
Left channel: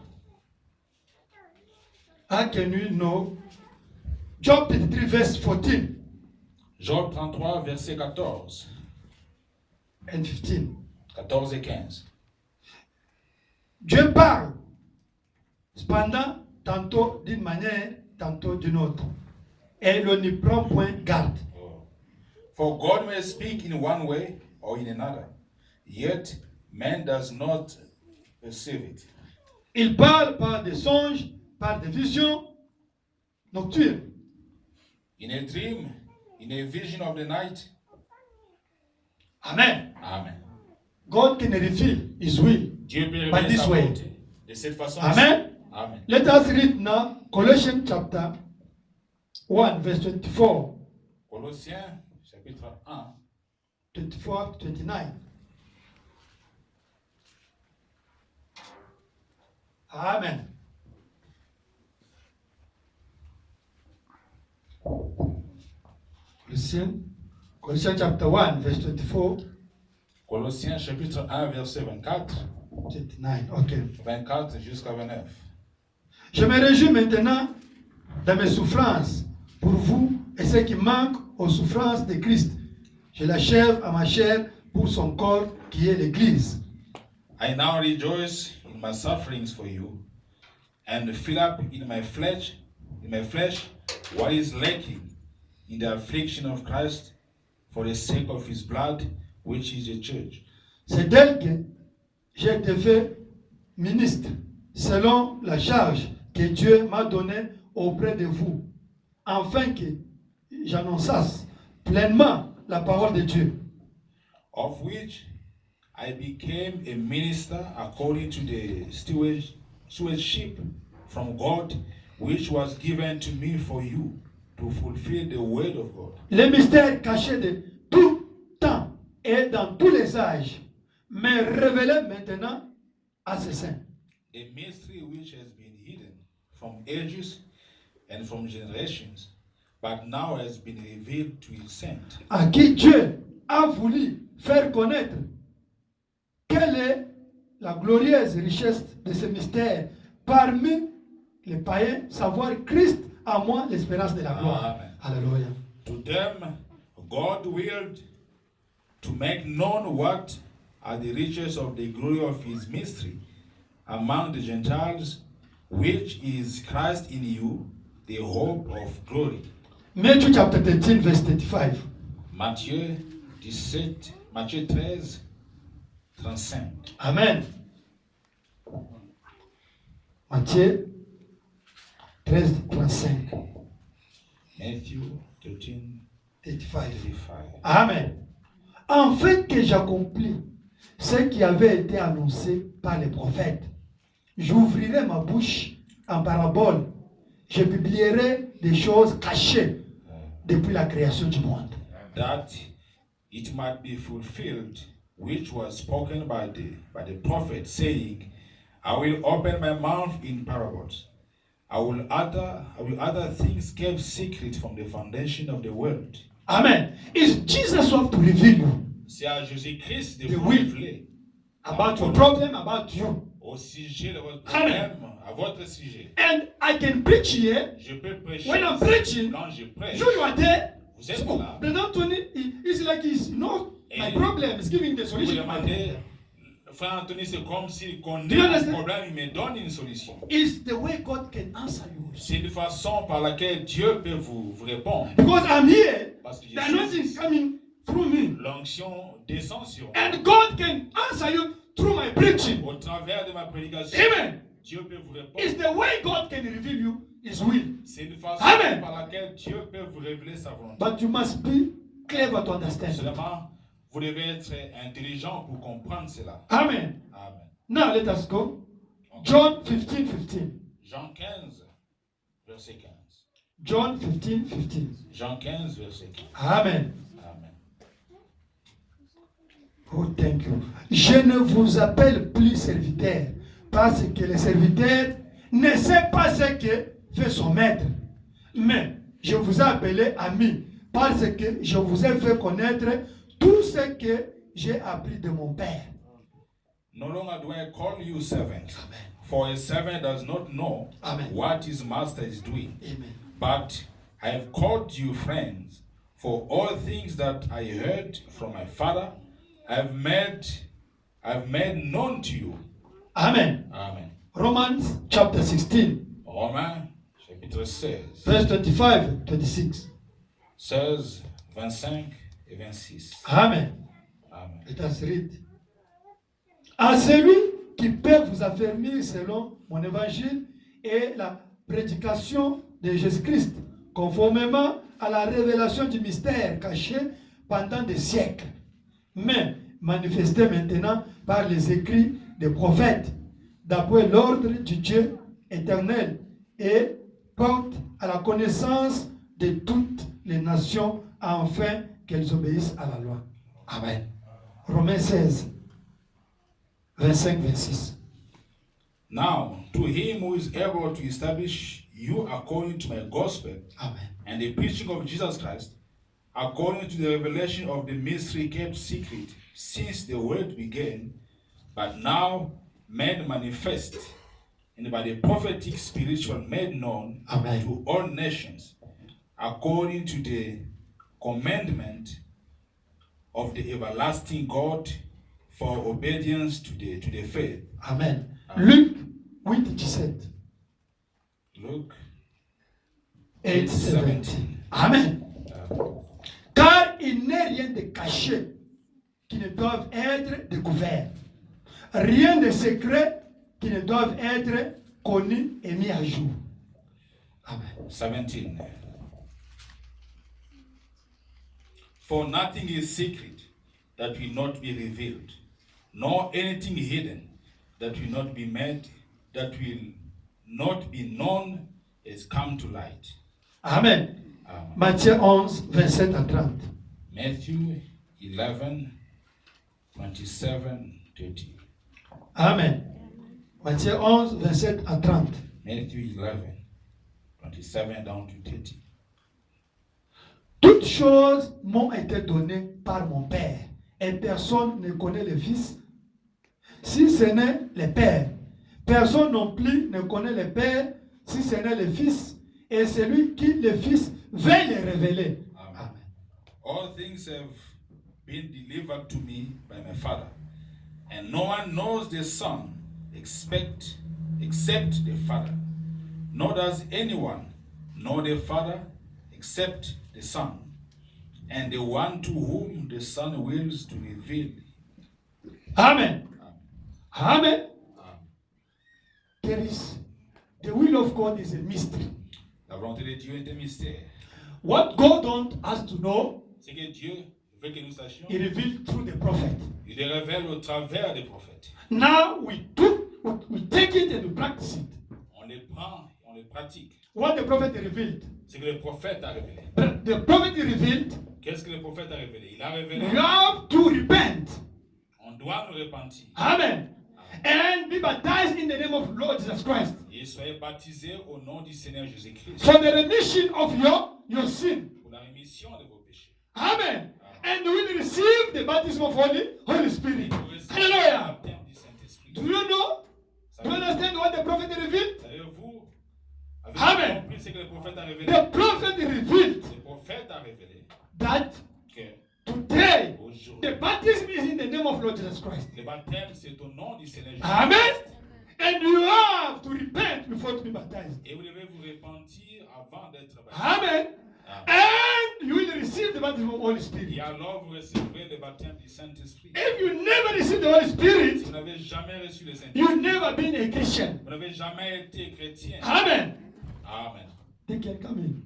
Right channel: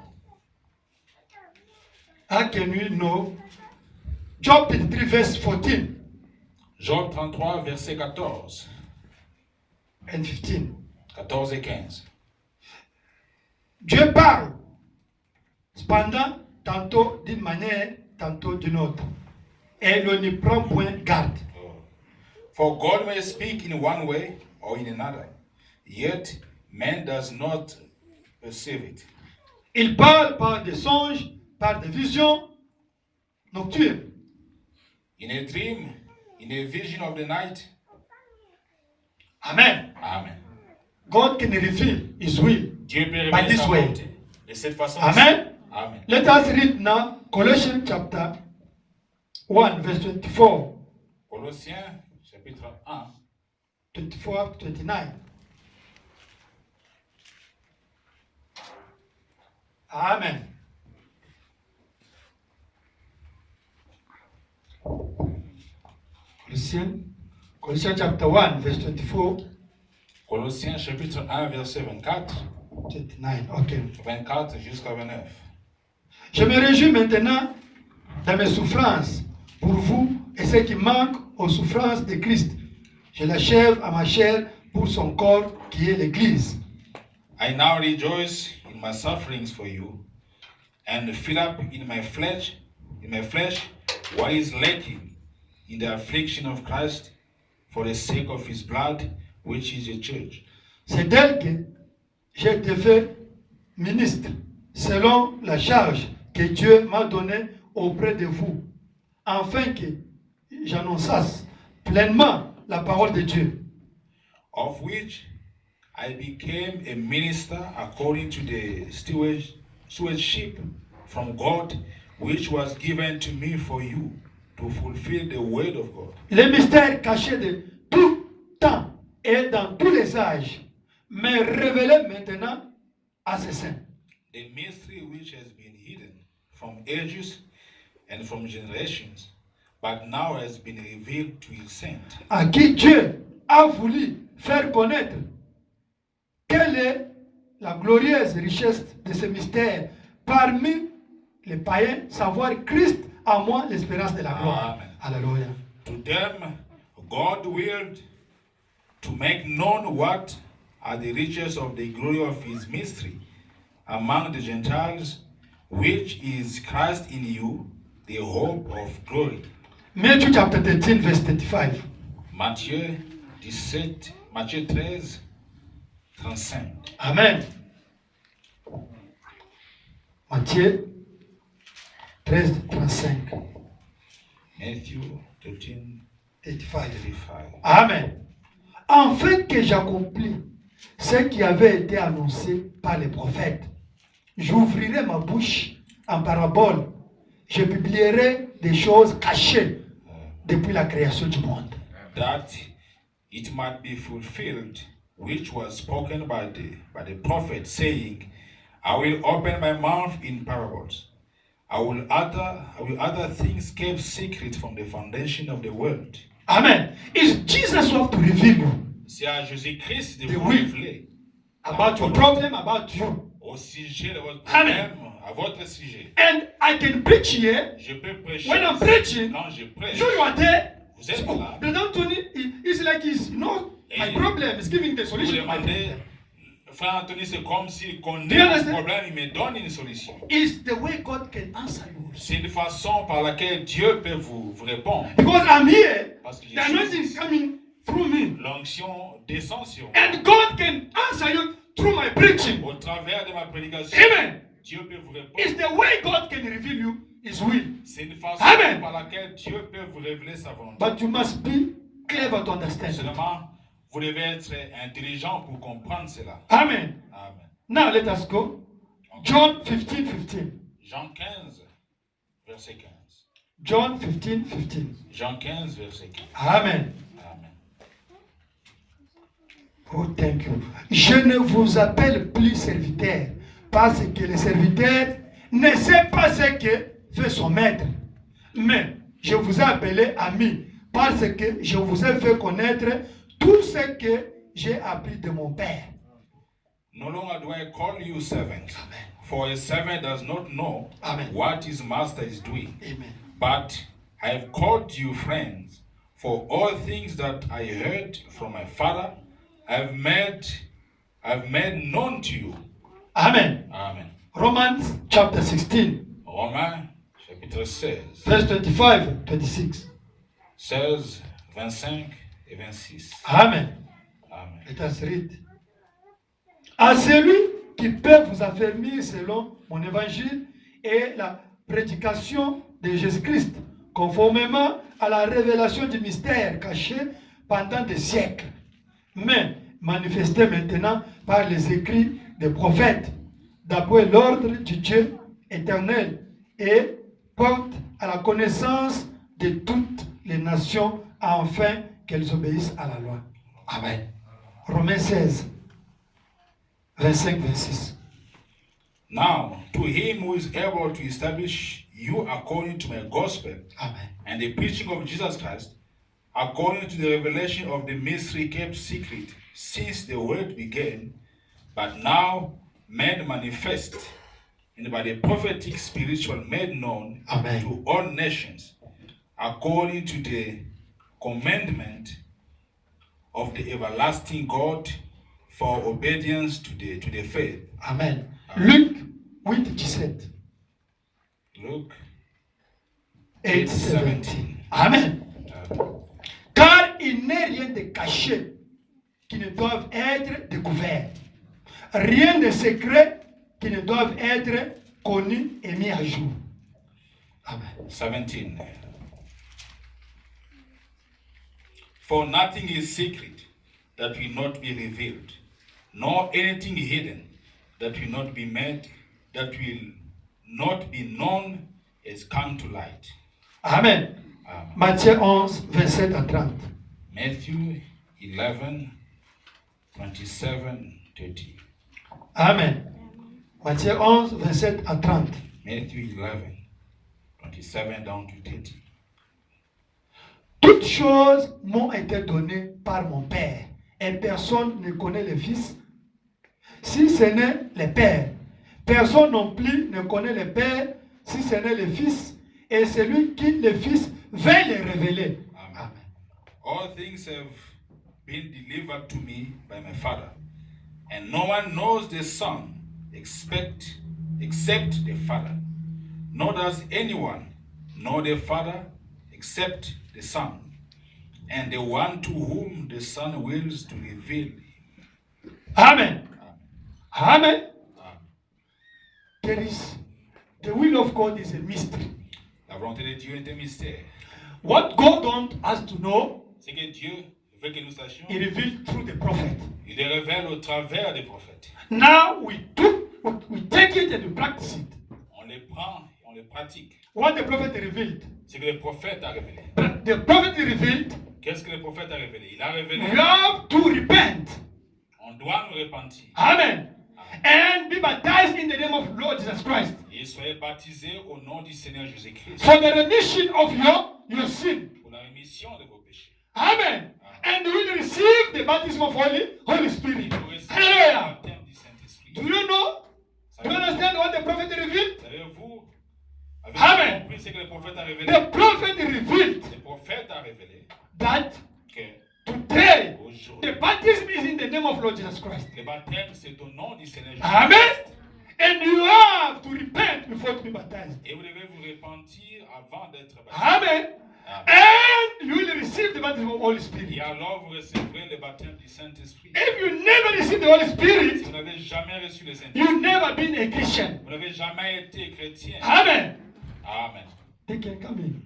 How can we know? Job 33 verse 14 Job 33, verset 14. and 15. 14 et 15. Dieu parle, cependant, tantôt d'une manière, tantôt d'une autre. Et l'on n'y prend point garde. For God may speak in one way or in another, yet man does not perceive it. Il parle par des songes, par des visions nocturnes. In a dream, in a vision of the night. Amen. Amen. God can reveal His will Dieu peut by révéler this sa way. volonté de cette façon. Amen. Amen. Let us read now Colossians chapter 1 verse 24, Colossiens, chapitre 1, 24 to 29. Amen. Colossians chapter 1 verse 24, Colossiens, chapitre 1, verset 24, 29. Okay. 24 jusqu'à 29. Je me réjouis maintenant dans mes souffrances pour vous et ce qui manque aux souffrances de Christ. Je l'achève à ma chair pour son corps qui est l'Église. I now rejoice in my sufferings for you, and fill up in my flesh what is lacking in the affliction of Christ for the sake of his blood, which is the church. C'est d'elle que j'ai été fait ministre selon la charge que Dieu m'a donnée auprès de vous, afin que j'annonçasse pleinement la parole de Dieu. Of which I became a minister according to the stewardship from God, which was given to me for you to fulfill the word of God. Les mystères cachés de tout temps et dans tous les âges, mais révélés maintenant à ses saints. The mystery which has been hidden from ages and from generations, but now has been revealed to his saints. À qui Dieu a voulu faire connaître quelle est la glorieuse richesse de ce mystère parmi les païens, savoir Christ en moi l'espérance de la gloire. Amen. Alléluia. To them, God willed to make known what are the riches of the glory of his mystery among the Gentiles, which is Christ in you, the hope of glory. Matthew chapter 13 verse 35. Matthieu 17, Matthieu 13, 35. Amen. Matthieu 13, 35. Matthew 13, 35. 35. Amen. Afin que j'accomplis ce qui avait été annoncé par les prophètes, j'ouvrirai ma bouche en parabole. Je publierai des choses cachées depuis la création du monde. That it might be fulfilled, which was spoken by the prophet, saying, I will open my mouth in parables. I will utter things kept secret from the foundation of the world. Amen. It's Jesus who have to reveal you C'est à Jésus-Christ de The vous will. révéler about your problem, about you. au sujet de votre Amen. problème, à votre sujet. And I can preach here. Je peux prêcher. When I'm preaching, Quand je prêche, you are there. vous êtes So, là. the Anthony is like he's, my problem is giving the Vous solution. to my demandez, problem. frère Anthony, c'est comme s'il Do connaît you mon understand? problème, il me donne une solution. It's the way God can answer you. C'est une façon par laquelle Dieu peut vous répondre. Because I'm here, Parce que the anointing is coming through me. l'onction descend sur moi. And God can answer you through my preaching. Au travers de ma prédication, Amen. Dieu peut vous répondre. It's the way God can reveal you His will. C'est une façon Amen. par laquelle Dieu peut vous révéler sa volonté. But you must be clever to understand. Seulement, vous devez être intelligent pour comprendre cela. Amen. Amen. Now let us go. John 15, 15. Jean 15, verset 15. John 15, 15. Jean 15, verset 15. Amen. Amen. Oh, thank you. Je ne vous appelle plus serviteur parce que le serviteur ne sait pas ce que fait son maître. Mais je vous ai appelé ami parce que je vous ai fait connaître tout ce que j'ai appris de mon Père. No longer do I call you servants, Amen. for a servant does not know Amen. what his master is doing. Amen. But I have called you friends, for all things that I heard from my Father, I have made known to you. Amen. Amen. Romans chapter 16, Romains chapitre 16, verse 25, 26. 16, 25 et 26. Amen. Amen. Let us read. À celui qui peut vous affermir selon mon évangile et la prédication de Jésus-Christ, conformément à la révélation du mystère caché pendant des siècles, mais manifesté maintenant par les écrits des prophètes, d'après l'ordre du Dieu éternel, et porte à la connaissance de toutes les nations, afin qu'elles obéissent à la loi. Amen. Romains 16, 25, 26. Now, to him who is able to establish you according to my gospel Amen. and the preaching of Jesus Christ, according to the revelation of the mystery kept secret since the world began, but now made manifest, and by the prophetic spiritual made known Amen. to all nations, according to the commandment of the everlasting God, for obedience to the faith. Amen. Amen. Luc 8, 17. Luke 8, 17. Amen. Car il n'est rien de caché qui ne doive être découvert. Rien de secret qui ne doive être connu et mis à jour. Amen. 17. For nothing is secret that will not be revealed, nor anything hidden that will not be made, that will not be known has come to light. Amen. Amen. Matthieu 11, 27 à 30. Matthew 11, 27, 30. Amen. Matthieu 11, 27 à 30. Matthew 11, 27 down to 30. Toutes choses m'ont été données par mon Père, et personne ne connaît le Fils, si ce n'est le Père. Personne non plus ne connaît le Père, si ce n'est le Fils, et celui qui le Fils veut le révéler. Amen. All things have been delivered to me by my Father, and no one knows the Son except the Father. Nor does anyone know the Father except the Son, and the one to whom the Son wills to reveal him. Amen. Amen. Amen. There is the will of God is a mystery. La volonté de Dieu est un mystère. What God wants us to know, Ce que Dieu veut que nous sachions, He revealed through the prophet. il le révèle au travers des prophètes. Now we take it and we practice it. On les prend et on les pratique. What the prophet revealed. Ce que le prophète a révélé. The prophet revealed, Qu'est-ce que le prophète a révélé? Il a révélé. we have to repent. On doit nous repentir. Amen. And be baptized in the name of Lord Jesus Christ. Et soyez baptisés au nom du Seigneur Jésus-Christ For the remission of your sin. pour la rémission de vos péchés. Amen. And you will receive the baptism of Holy Spirit. Vous recevez le Hallelujah. baptême du Saint-Esprit. Do you know? Do you understand what the prophet revealed? Savez-vous, Amen. avez-vous compris ce que le prophète a révélé? The prophet revealed Le prophète a révélé that que today aujourd'hui, the baptism is in the name of Lord Jesus Christ. le baptême c'est au nom du Seigneur Jésus-Christ. Amen. And you have to repent before to be baptized. Et vous devez vous repentir avant d'être baptisé. Amen. Amen. And you will receive the baptism of Holy Et Spirit. alors vous recevrez le baptême du Saint-Esprit. If you never receive the Holy Si Spirit, vous n'avez jamais reçu le Saint-Esprit, you've never been a Christian. vous n'avez jamais été chrétien. Amen. Amen. They can come in.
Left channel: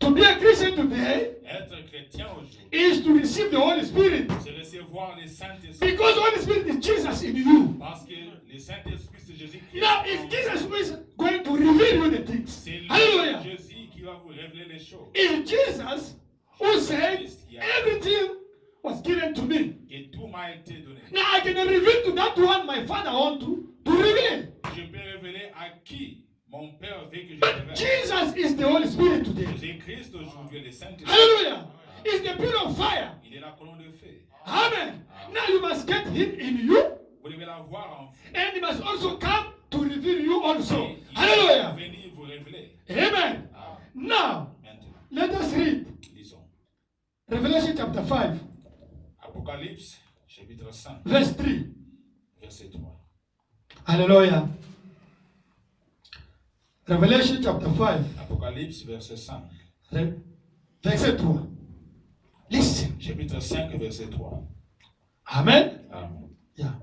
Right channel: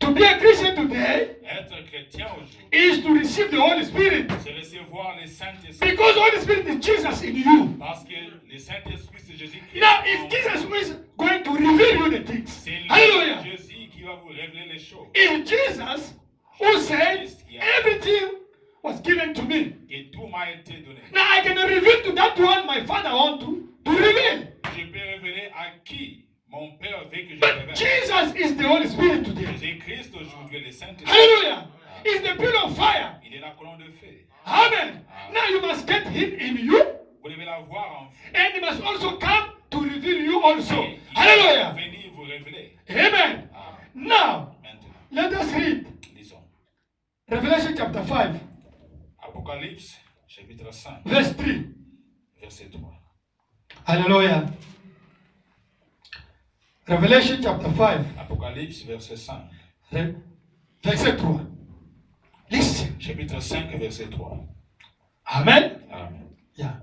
To be a Christian today Être chrétien aujourd'hui, is to receive the Holy Spirit. c'est recevoir le Saint-Esprit. Because the Holy Spirit is Jesus in you. Parce que le Saint-Esprit, c'est Jésus-Christ. Now, it's Jesus who is going to reveal you the things. C'est Hallelujah. Jésus qui va vous révéler les choses. It's Jesus who said, everything was given to me. Et tout m'a été donné. Now I can reveal to that one my Father want to reveal. Je peux révéler à qui mon Père veut que je But révèle. Jesus is the Holy Spirit today. Jésus-Christ aujourd'hui, le Saint-Esprit. Hallelujah. It's the pillar of fire. Il est la colonne de feu. Amen. Now you must get him in you, Vous devez l'avoir en vous. and he must also come to reveal you also. Et il va Hallelujah. venir vous révéler. Amen. Amen. Now, Maintenant, let us read lisons. Revelation chapter 5, Apocalypse, chapitre 5, verse 3. verset 3. Hallelujah. Revelation chapter 5, Apocalypse, verset 5. verset 3. Listen. Chapitre 5, verset 3. Amen. Amen. Yeah.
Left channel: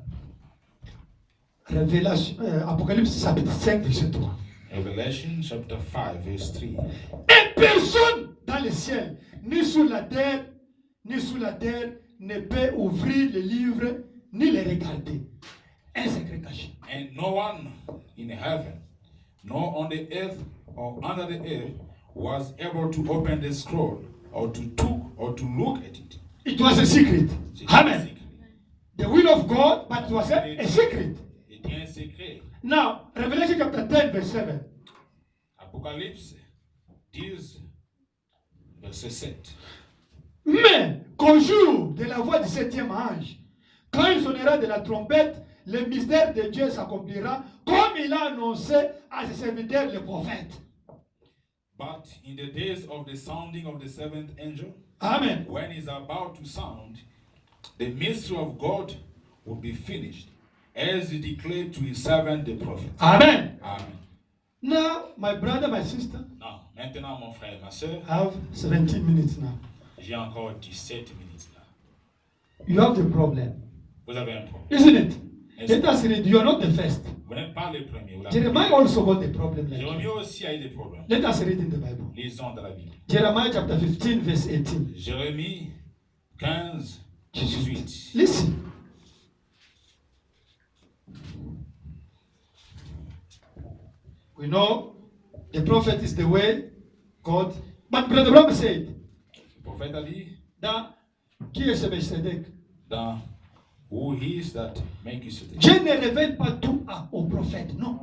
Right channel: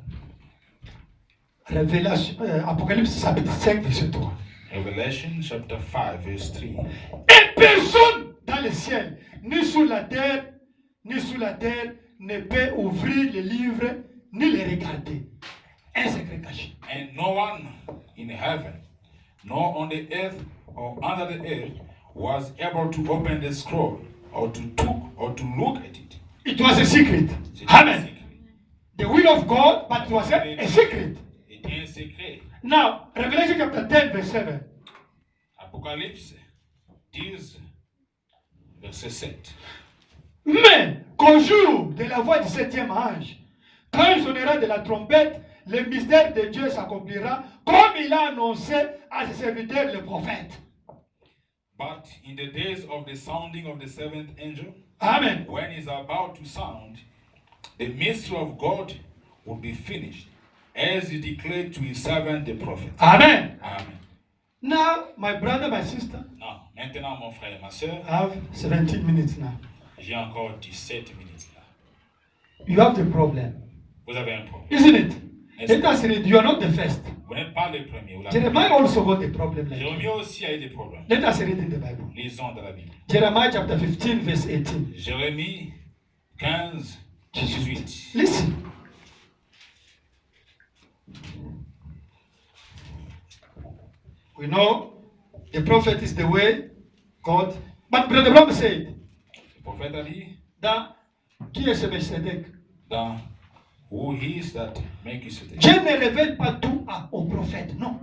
Révélation, Apocalypse chapitre 5, verset 3. Revelation, chapter 5, verse 3. Et personne dans le ciel, ni sur la terre, ni sous la terre, ne peut ouvrir le livre, ni le regarder. Un secret caché. And no one in heaven, nor on the earth or under the earth, was able to open the scroll or to look at it. It was a secret. C'était un Amen. secret. The will of God, but it was a secret. C'était un secret. Now, Revelation chapter 10, verse 7. Apocalypse 10, verset 7. Mais qu'au jour de la voix du septième ange, quand il sonnera de la trompette, le mystère de Dieu s'accomplira comme il a annoncé à ses serviteurs les prophètes. But in the days of the sounding of the seventh angel, Amen. when he's about to sound, the mystery of God will be finished, as he declared to his servant the prophet. Amen. Amen. Now, my brother, my sister, Non, maintenant, mon frère et ma soeur, I have 17 minutes now. j'ai encore 17 minutes là. You have the problem, Vous avez un problème. isn't it? Yes. Let us read. You are not the first. Vous n'êtes pas le premier. Ou la Jeremiah première. also got a problem like Jérémie you. aussi a eu des problèmes. Let us read in the Bible. Lisons dans la Bible. Jeremiah chapter 15, verse 18. Jérémie 15, 18. Listen. We know the prophet is the way, God. But Brother Bram said, Le prophète a dit, qui est ce Melchizedek? dans Who is that Melchizedek? Dieu ne révèle pas tout au prophète, non.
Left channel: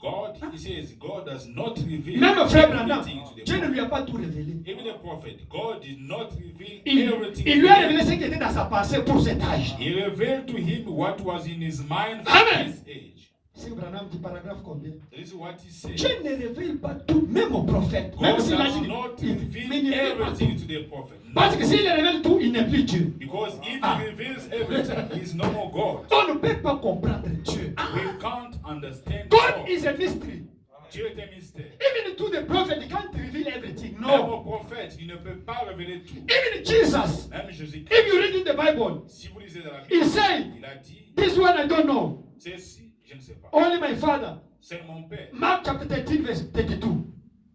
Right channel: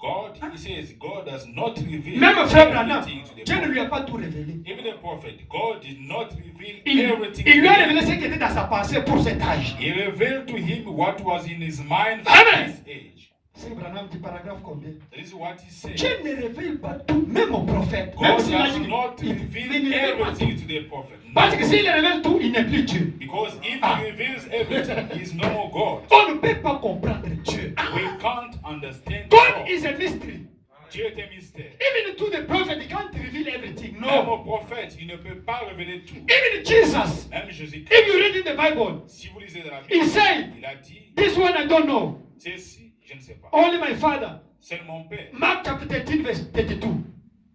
God, he says, God does not reveal Même frère Branham, everything to the Dieu ne prophet. lui a pas tout révélé. Even the prophet, God did not reveal Il everything. lui a to him. révélé ce qui était dans sa pensée pour cet âge. He revealed to him what was in his mind for Amen. his age. C'est Branham dit paragraphe combien? That is what he said. Dieu ne révèle pas tout, même au prophète. God Même does s'il a dit not il reveal ne révèle pas tout. everything to the prophet. Parce que s'il révèle tout, il n'est plus Dieu. Because if Ah. he reveals everything, he is no more God. On ne peut pas comprendre Dieu. We can't understand God God. is a mystery. Dieu est un mystère. Even to the prophet, he can't reveal everything. Même No. au prophète, il ne peut pas révéler tout. Even Jesus, Même Jésus-Christ. if you read in the Bible, Si vous lisez dans la he Bible, said, il a dit, this one I don't know. ceci, je ne sais pas. Only my father. C'est mon père. Mark chapter 13, verse 32.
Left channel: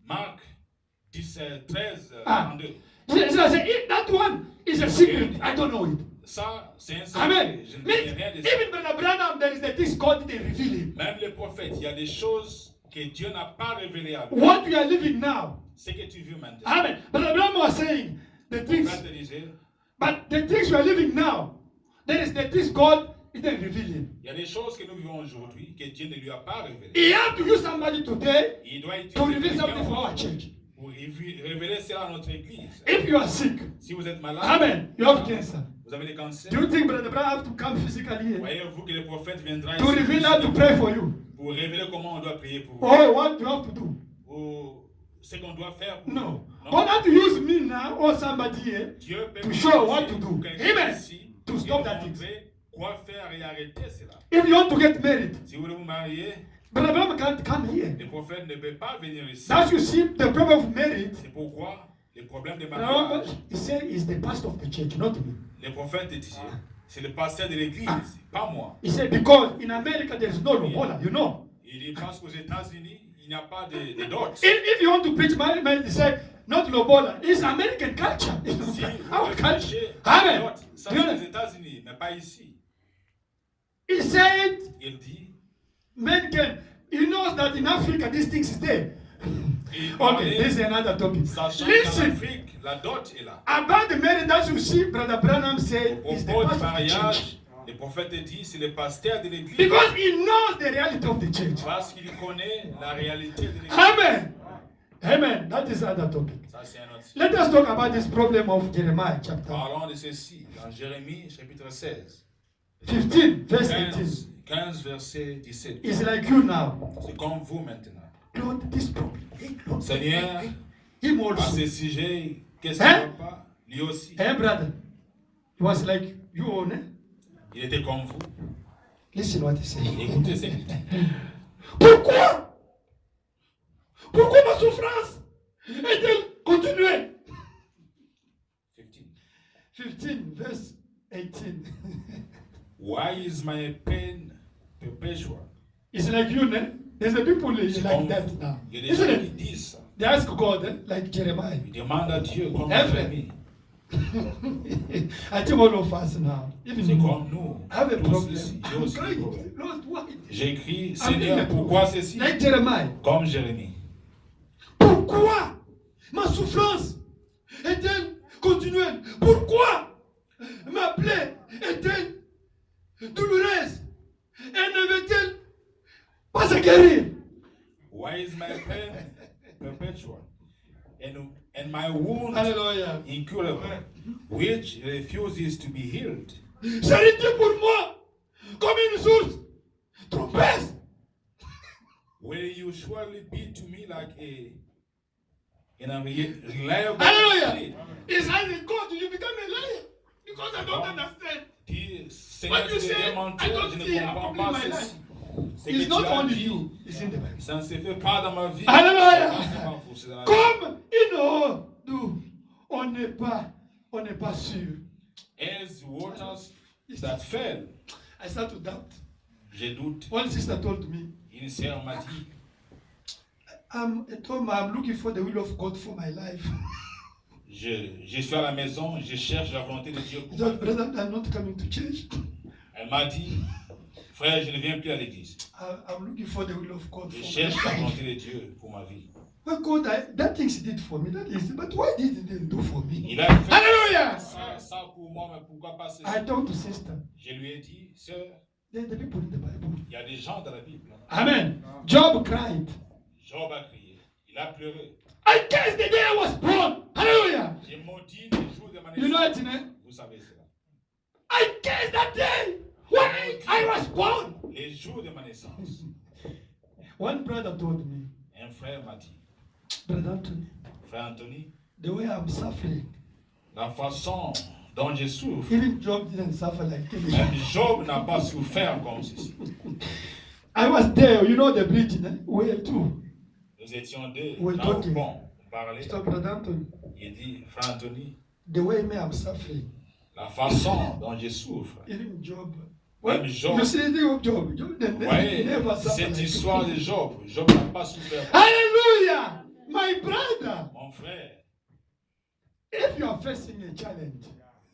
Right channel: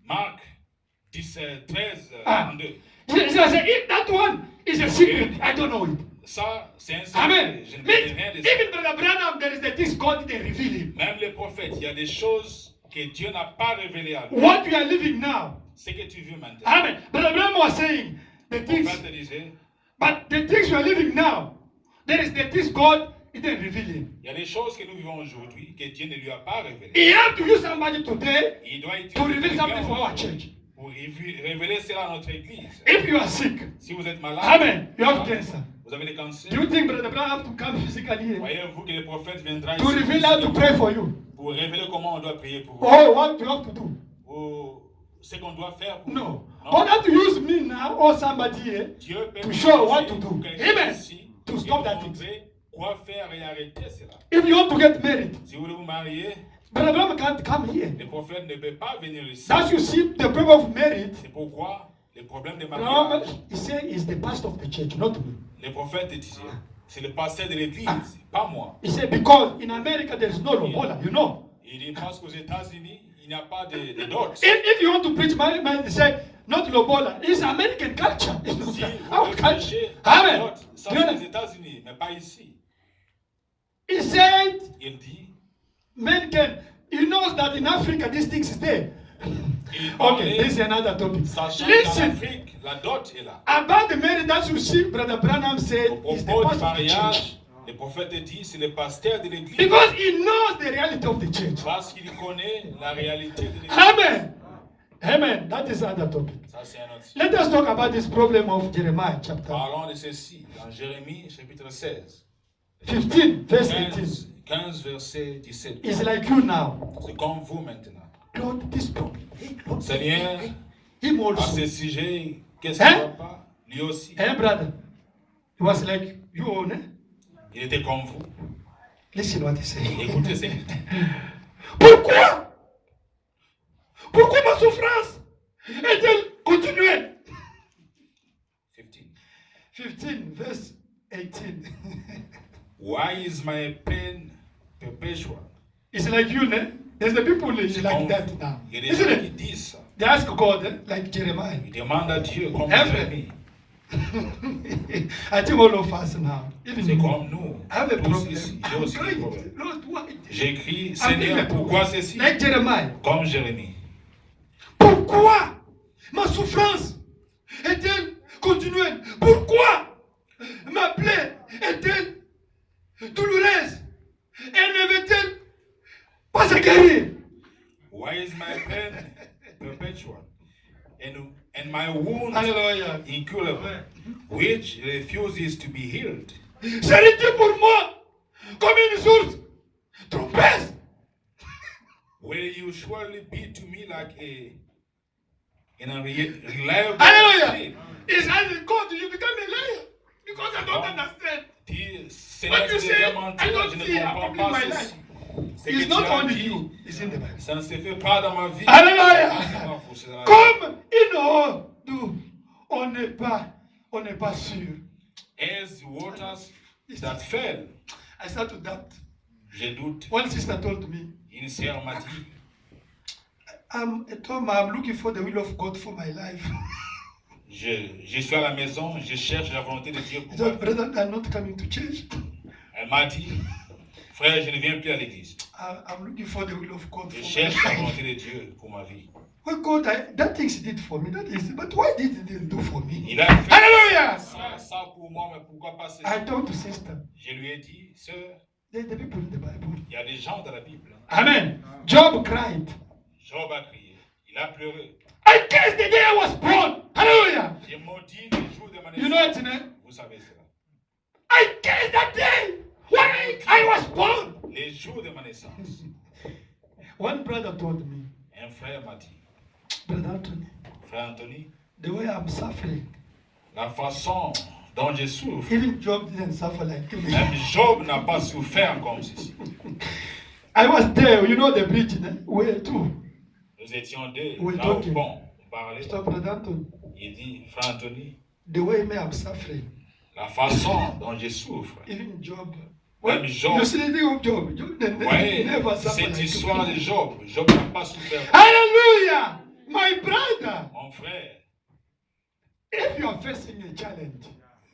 Marc 13, Ah. 32. Jesus said, if that one is a secret, I don't know it. Ça, c'est un secret. Amen. Je ne Means, connais rien de ça. even Brother Branham, there is the things God didn't reveal him. Même les prophètes, il y a des choses que Dieu n'a pas révélées à lui. What we are living now. Ce que tu vis maintenant. Amen. Brother Branham was saying, the Le things, prophète disait, but the things we are living now, there is the things God didn't reveal him. il y a des choses que nous vivons aujourd'hui que Dieu ne lui a pas révélées. He have to use somebody today Il doit to reveal utiliser something for quelqu'un our church. pour révéler cela à notre église. If you are sick, Si vous êtes malade, amen, you have cancer. vous avez des cancers, Do you think Brother Branham have to come physically here voyez-vous que le prophète viendra to ici reveal how to pray for you? pour révéler comment on doit prier pour vous, Or what you have to do? ou ce qu'on doit faire pour No. vous. God have to use me now or somebody here Dieu peut to nous show utiliser what to do. pour quelqu'un Amen. ici To et stop nous that thing. montrer quoi faire et arrêter cela. If you want to get married, Si vous voulez vous marier, Brother Branham can't come here. le prophète ne peut pas venir ici. That's you see the problem of marriage. C'est pourquoi les problèmes de Brother Branham, mariage, he said is the pastor of the church, not me. le prophète disait, c'est le pasteur de l'église, pas moi. He said because in America there is no lobola, you know. Il dit parce qu'aux États-Unis, il n'y a pas de dot. If you want to preach marriage, he said not lobola. It's American culture. It's not Si our vous culture. prêchez Amen. dot, ça Do you c'est know? les États-Unis, mais pas ici. He said Il dit, men can. He knows that in Africa these things is there. il Okay, parlait, this is another topic. sachant qu'en Listen, Afrique, la dot est là. about the marriage that you see, Brother Branham Au said is the propos du pastor of the church. mariage, le prophète dit, c'est le pasteur de l'église. Because he knows the reality of the church. Parce qu'il connaît la réalité de l'église. Amen. Amen. That is another topic. Ça Ça, c'est un autre sujet. Let us talk about this problem of Jeremiah chapter Parlons de ceci dans Jérémie chapitre 16, 15, verse 18. 15 verset 17. It's like you now. C'est comme vous maintenant. Lord, this problem. Hey, Lord, Seigneur, him à also. ce sujet, qu'est-ce qui Hein? ne va pas? Lui aussi. Hey, brother. He was like you own it. Il était comme vous. Listen what he said. Écoutez ce qu'il dit. Pourquoi? Pourquoi ma souffrance est-elle continuelle? 15, verse 18. Why is my pain perpetual? It's like you, né? There's the people like that now. Il y a des Isn't gens qui it? disent ça. They ask God, like Jeremiah. Ils demandent à Dieu comme Hein, Jérémie. I think all of us now. Even C'est me. comme nous. I have a Tous problem. ici. J'ai I'm aussi des crying. problèmes. Lord, why? J'écris, I'm Seigneur, in the pourquoi problem. ceci? Like Jeremiah. Comme Jérémie. Pourquoi ma souffrance est-elle continuelle? Pourquoi ma plaie est-elle douloureuse? Elle ne veut-elle pas se guérir? Why is my pain perpetual? And my wound Alléluia. incurable, which refuses to be healed? Serait-il pour moi comme une source trompeuse? Will you surely be to me like a reliable Hallelujah. thing? It's as God, you become a liar because I don't understand. Dis, Seigneur, What you tu say, deviens I menteur, don't je ne see comprends happening in pas my ceci. Ce que It's tu not as only dit, you, it's in the Bible. ça ne se fait pas dans ma vie. Alléluia. C'est ma faute, c'est dans la vie. Comme une eau d'où on n'est pas sûr. As waters that fell, I start to doubt. je doute. One sister told me, Une sœur m'a dit, I'm looking for the will of God for my life. je suis à la maison, je cherche la volonté de Dieu He pour said, moi. brother, I'm not coming to church. Elle m'a dit, frère, je ne viens plus à l'église. I'm looking for the will of God Je for my cherche la life. volonté de Dieu pour ma vie. Well, God, that things he did for me, that is, but why did he didn't do for me? Il a fait Hallelujah! ça pour moi, mais pourquoi pas ceci? I told the sister, Je lui ai dit, sœur, there's the people in the Bible. il y a des gens dans la Bible. Amen. Job cried. Job a crié, il a pleuré. I cursed the day I was born. Hallelujah. J'ai maudit les jours de ma You know naissance. it, né? Vous savez cela. I cursed that day when I was born. Les jours de ma naissance. One brother told me, Un frère m'a dit, Brother Anthony, frère Anthony, the way I'm suffering, la façon dont je souffre, even Job didn't suffer like me. même Job n'a pas souffert comme ceci. I was there, you know the bridge, né? Where to? Nous étions deux, Oui, là au talking. pont, on parlait. Stop, Brother Anthony. Il dit, frère Anthony, The way me I'm suffering, la façon dont je souffre, even Job. Même Job. You see the thing of Job. Job vous voyez, never suffered cette like histoire me. de Job, Job n'a pas souffert. Hallelujah! My brother, Mon frère, if you are facing a challenge,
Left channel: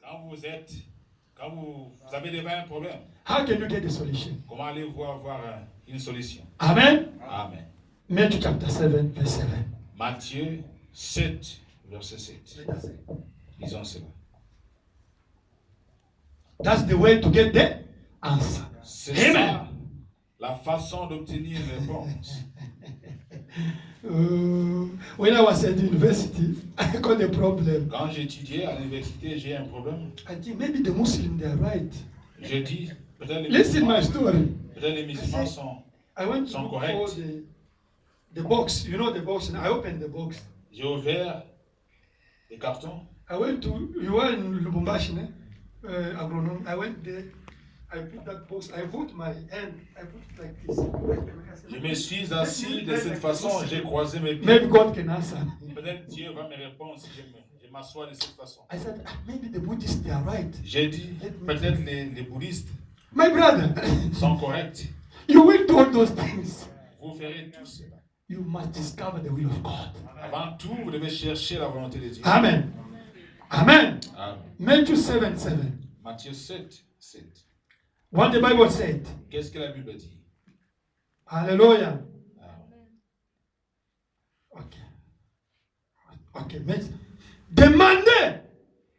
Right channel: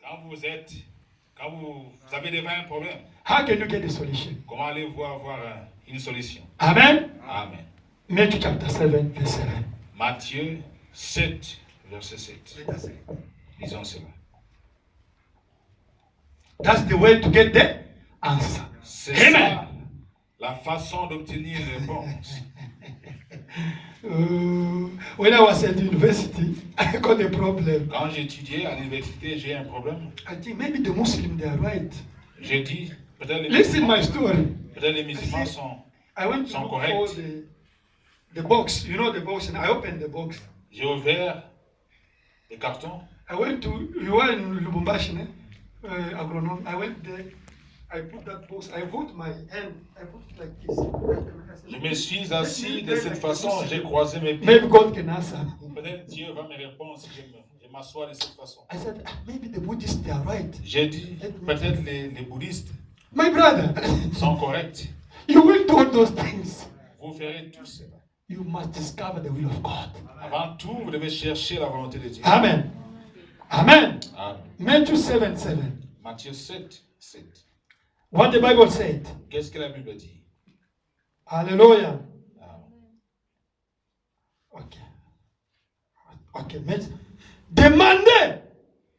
quand vous avez devant un problème, how can you get a solution? comment allez-vous avoir une solution? Amen. Amen. Matthew chapter 7, verse 7. Matthieu 7, verset 7. Let us read. Lisons cela. That's the way to get the answer. C'est Amen. ça la façon d'obtenir une réponse. When I was at university, I got a problem. Quand j'étudiais à l'université, j'ai un problème. I think maybe the Muslims they are right. J'ai dit, peut-être les Listen my musulmans, story. peut-être les musulmans sont. I went to Sont look correct. for the box. You know the box, and I opened the box. J'ai ouvert les cartons. I went to, you were in Lubumbashi, agronome. I went there. I put that box. I put my hand. I put it like this. Je me suis assis de cette façon, j'ai croisé mes pieds. Maybe God can answer. Peut-être Dieu va me répondre si je m'assois de cette façon. I said, maybe the Buddhists they are right. J'ai dit, peut-être les bouddhistes My brother, sont corrects. you will do all those things. Vous ferez tout cela. You must discover the will of God. Avant tout, vous devez chercher la volonté de Dieu. Amen. Amen. Amen. Matthew 7, 7. Matthieu 7, 7. What the Bible said. Qu'est-ce que la Bible dit? Hallelujah. Amen. Ok. Ok. Mais demandez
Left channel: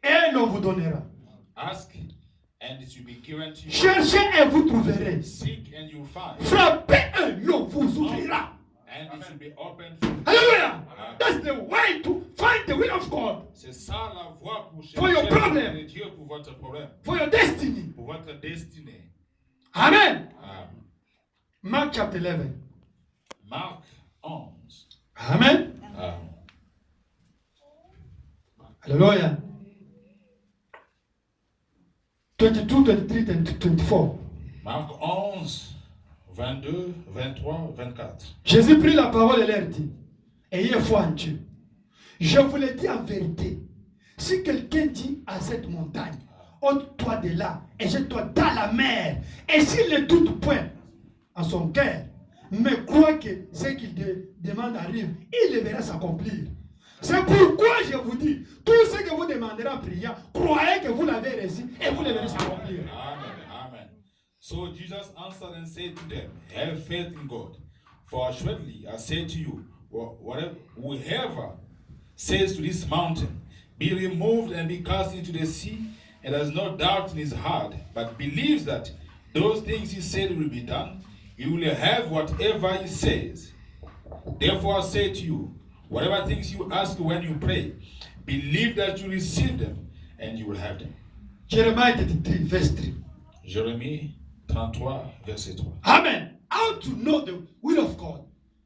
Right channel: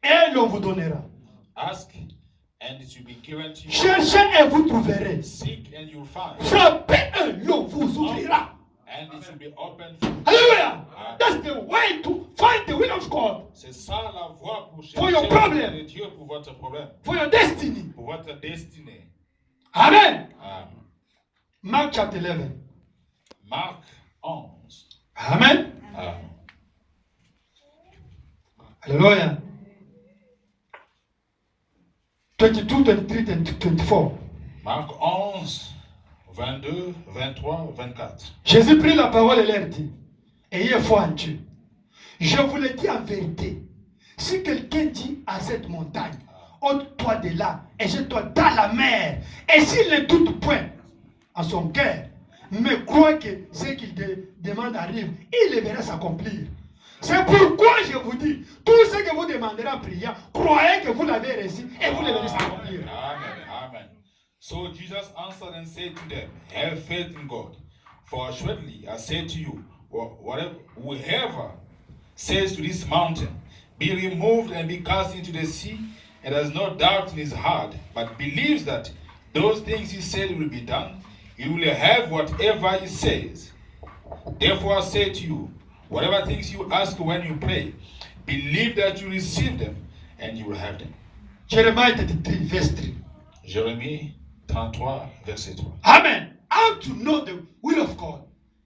et l'on vous donnera. Ask and it will be given to you. Cherchez et vous trouverez. Seek and you'll find. Frappez et l'on vous ouvrira. And it will be open for Hallelujah. Amen. That's the way to find the will of God C'est ça la voie pour For your chercher problem. le Dieu pour votre problème, for your destiny. pour votre destinée. Amen. Amen. Mark chapter 11. Marc 11. Amen. Amen. Hallelujah. 22, 23, and 24. Marc 11, 22, 23, 24. Jésus prit la parole et leur dit, ayez foi en Dieu. Je vous le dis en vérité. Si quelqu'un dit à cette montagne, ôte-toi de là et jette-toi dans la mer, et s'il ne doute point en son cœur, mais croit que ce qu'il demande arrive, il le verra s'accomplir. C'est pourquoi je vous dis, tout ce que vous demanderez en priant, croyez que vous l'avez reçu et vous le verrez s'accomplir. Amen. Amen. So Jesus answered and said to them, have faith in God. For assuredly I say to you, whoever says to this mountain, be removed and be cast into the sea, and has no doubt in his heart, but believes that those things he said will be done, he will have whatever he says. Therefore I say to you, whatever things you ask when you pray, believe that you receive them, and you will have them. Jeremiah 33, verse 3. Jérémie 33, verset 3. Amen. How to know the will of God.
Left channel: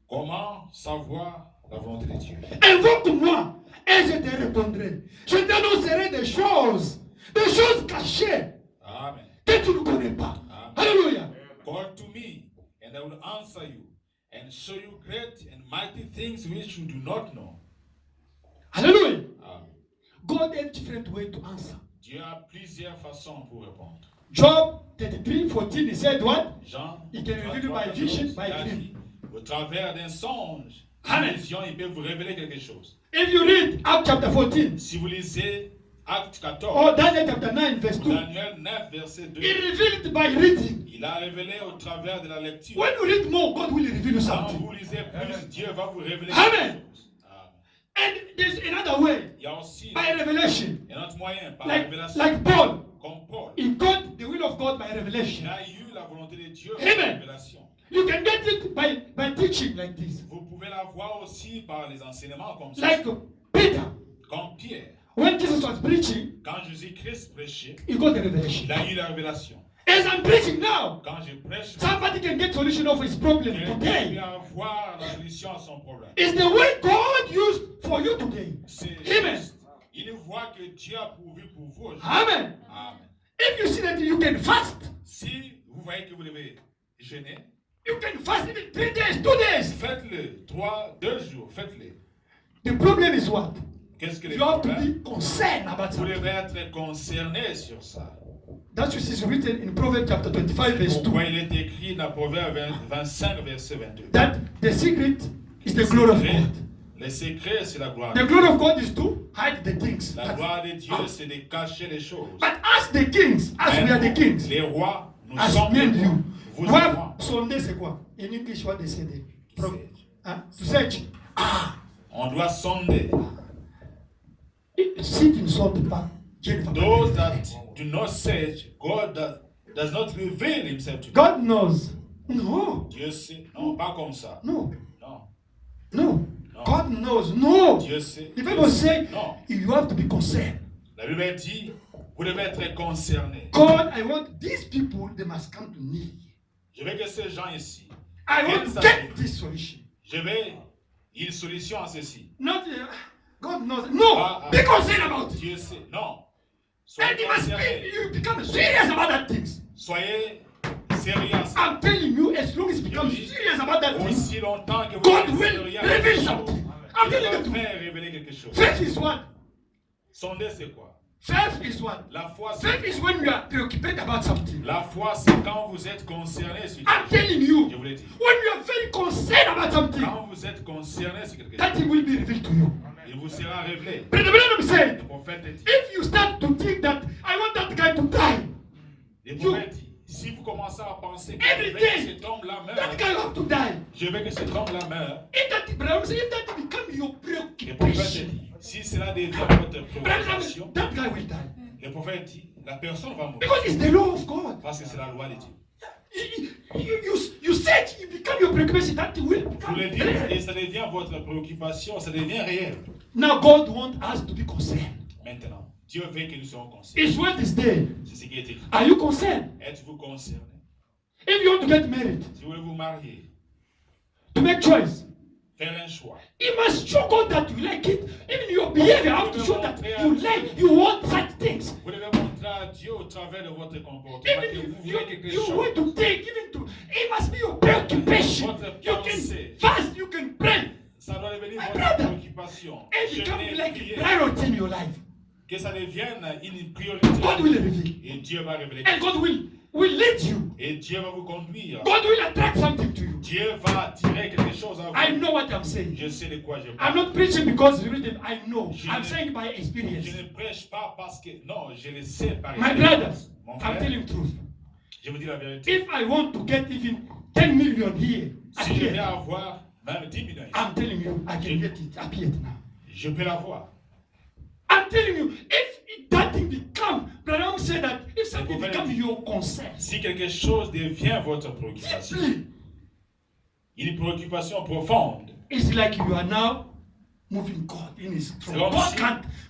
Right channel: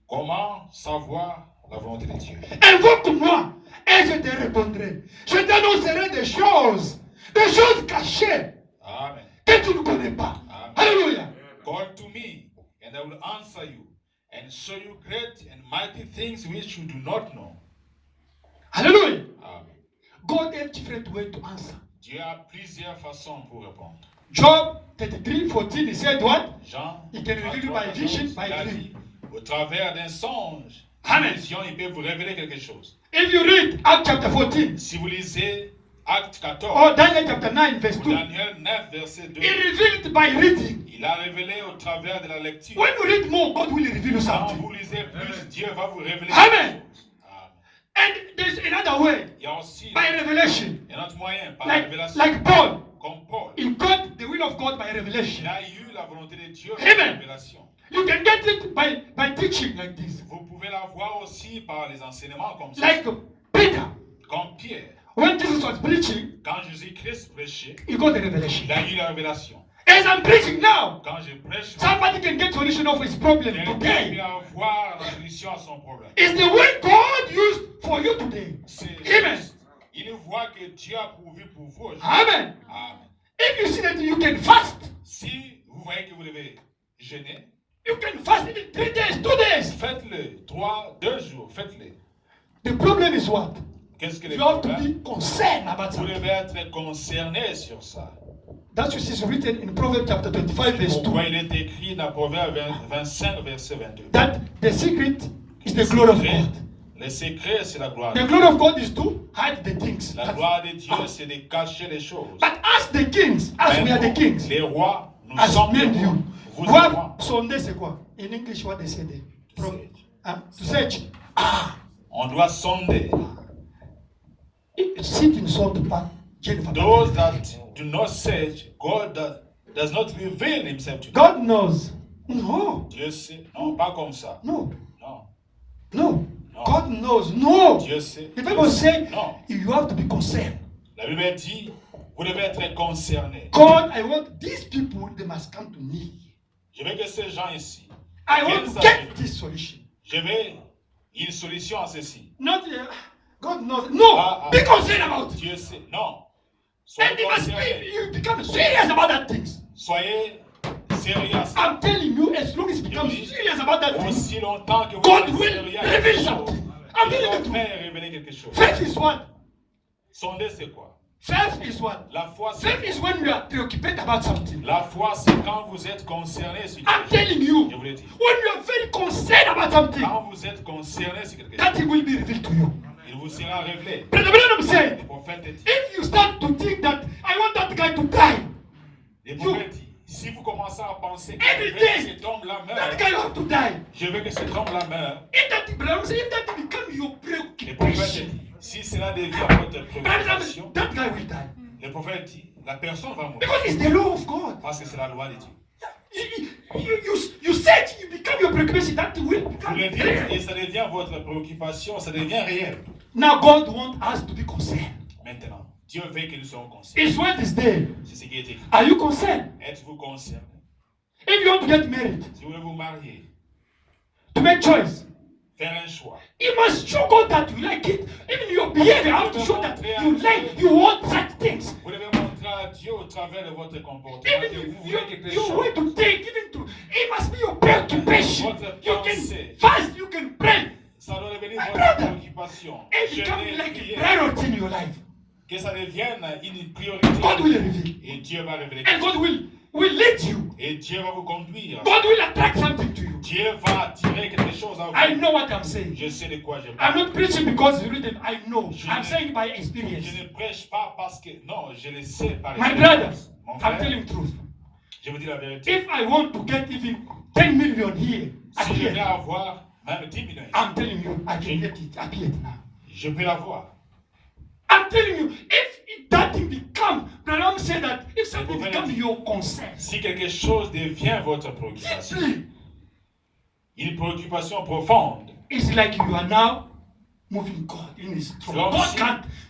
Comment savoir la volonté de Dieu? Invoque-moi et je te répondrai. Je t'annoncerai des choses cachées Amen. que tu ne connais pas. Amen. Alléluia. Call to me, and I will answer you, and show you great and mighty things which you do not know. Alléluia. Amen. God has different way to answer. Dieu a plusieurs façons pour répondre. Job 33:14, he said what? Jean, He can reveal you by 33, vision, by il a dream. dit, au travers d'un songe, Amen. une vision, il peut vous révéler quelque chose. If you read Acts chapter 14 Si vous lisez Acte 14, or Daniel chapter 9 verse 2, Daniel 9, verset 2, he revealed it by reading. il a révélé au travers de la lecture. When you read more, God will reveal you Quand something. vous lisez plus, Dieu va vous révéler Amen. quelque chose. Amen. And there's another way, Il y a aussi by revelation. un autre moyen, par la Like, révélation. like Paul, Comme Paul, he got the will of God by il revelation. a eu la volonté de Dieu par Amen. la révélation. You can get it by teaching like this. Vous pouvez la voir aussi par les enseignements comme ça. Like Peter, Comme Pierre, when Jesus was preaching, quand Jésus-Christ prêchait, he got the revelation. il a eu la révélation. As I'm preaching now, Quand je prêche, somebody can get solution of his problem quelqu'un peut today. avoir la solution à son problème. It's the way God used for you today. C'est Amen. juste. Il voit que Dieu a pourvu pour vous aujourd'hui. Amen. Amen. If you see that you can fast, Si vous voyez que vous devez jeûner, you can fast even 3 days, 2 days. faites-le. 2 jours, faites-le. The problem is what? Qu'est-ce que les You have to problèmes? be concerned about Vous something. devez être concerné sur ça. That's what is written in Proverbs chapter 25 verse 2. Pourquoi il est écrit dans Proverbe 25, verset 22. That the secret is the glory of God. Le secret, c'est la gloire. The glory of God is to hide the things. La gloire de Dieu, c'est de cacher les choses. But as the kings, as we are the kings, Les rois, nous as sommes me les and rois. you, Vous we et have moi. sonder c'est quoi? In English, what they say there? Search. To search. On doit sonder. Si tu ne sondes pas, Dieu ne va pas. Those that do not search, God does not reveal himself to them. God knows. No, Dieu sait. Non, pas comme ça. no, Non. no. No. God knows. No. Dieu sait. The Bible say Non. you have to be concerned. La Bible dit, vous devez être concerné. God, I want these people, they must come to me. Je veux que ces gens ici, I want to get this solution. je veux une solution à ceci. Not God knows. No, be concerned about it. Dieu sait. Non. And Soyez you must concerné. you become serious about that things. Soyez sérieux à ça. I'm telling you, as long as you become serious about that thing, Aussi longtemps que vous God êtes will sérieux à reveal quelque chose, something. I'm il telling va the truth. faire révéler quelque chose. Faith is what? Sonder, c'est quoi? Faith is what? La foi, Faith c'est is when you are preoccupied about something. La foi, c'est quand vous êtes concerné sur I'm quelque chose. telling you, Je vous l'ai dit. when you are very concerned about something, Quand vous êtes concerné sur quelque that chose, thing will be revealed to you. il vous sera révélé. Brother Branham said, Le prophète dit. if you start to think that I want that guy to die, Le prophète dit. Si vous commencez à penser que Every je veux day, que cet homme-là that guy meure, have to die. je veux que cet homme-là meure, If that Branham said, if that become your le prophète preoccupation, dit. Si cela devient votre Branham préoccupation, said, that guy will die. le prophète dit. La personne va mourir. Because it's the law of God. Parce que c'est la loi de Dieu. You said you become your preoccupation, that will Vous become le dites real. et ça devient votre préoccupation, ça devient réel. Now God wants us to be concerned. Maintenant, Dieu veut que nous soyons concernés. His word is there. C'est ce qui est écrit. Are you concerned? Êtes-vous concerné? If you want to get married, Si vous voulez vous marier, to make choice, faire un choix, you must show God that you like it. Even your behavior have to show that you want such things. vous devez montrer à Dieu au travers de votre comportement que Even vous you, voulez quelque you way chose. to take, even to, it must be your preoccupation. You can fast, you can pray, Ça doit devenir My votre brother, préoccupation. and become Jeûner, like prier, a priority in your life. que ça devienne une priorité. God will reveal, Et Dieu va révéler. and God will lead you. Et Dieu va vous conduire. God will attract something to you. Dieu va attirer quelque chose à vous. I know what I'm saying. Je sais de quoi je I'm parle. not preaching because it's written. I know. Je I'm ne- saying by experience. Je ne prêche pas parce que... Non, je le sais par My expérience. brother, Mon I'm frère, telling the truth. je vous dis la vérité. If I want to get even 10 million here, at Si je vais here, avoir même 10 millions, I'm telling you, I can get it at here now. je peux l'avoir. I'm telling you, if that thing become, Branham said that if something pouvez become le- your concern, Si quelque chose devient votre préoccupation, deeply, une préoccupation profonde, it's like you are now moving God in His throne. Comme God si-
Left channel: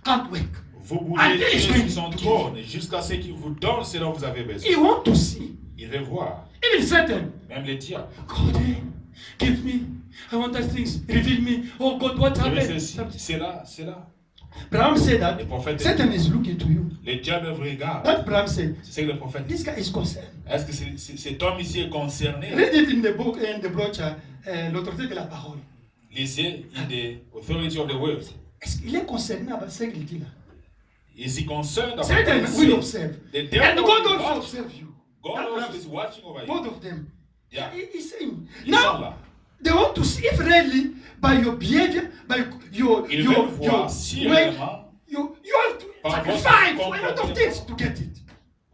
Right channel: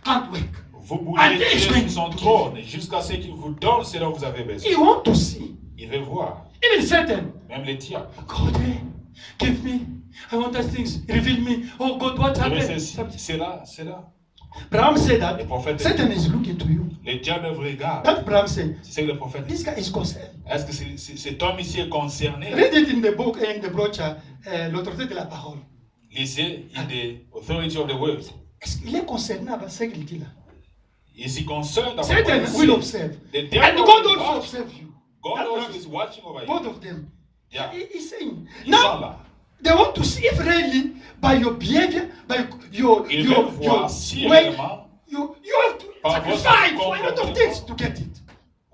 can't work. vous bougez Until Dieu it's sur going son to trône jusqu'à ce qu'il vous donne ce dont vous avez besoin. He want to see. Il veut voir, Even Satan, même les diables. God, give me. I want those things. Reveal me. Oh God, what Il veut happened? ceci, c'est là, c'est là. Branham said that Le prophète Satan is looking to you. Les diables vous regardent. That Branham said, C'est ce que le prophète dit. this guy is concerned. Est-ce que cet homme ici est concerné? Read it in the book, in the brochure, l'autorité de la parole. Lisez in the authority of the word. Il est concerné avec ce qu'il dit là. Is he concerned about Satan what he will says? observe. The And devil God will also watch. observe you. God That also Branham- is watching over you. Both of them. Yeah. He's saying. Ils sont Now, là. they want to see if really, by your behavior, by your Ils veulent voir si way, réellement you have to Par votre sacrifice for a lot of comportement. things to get it.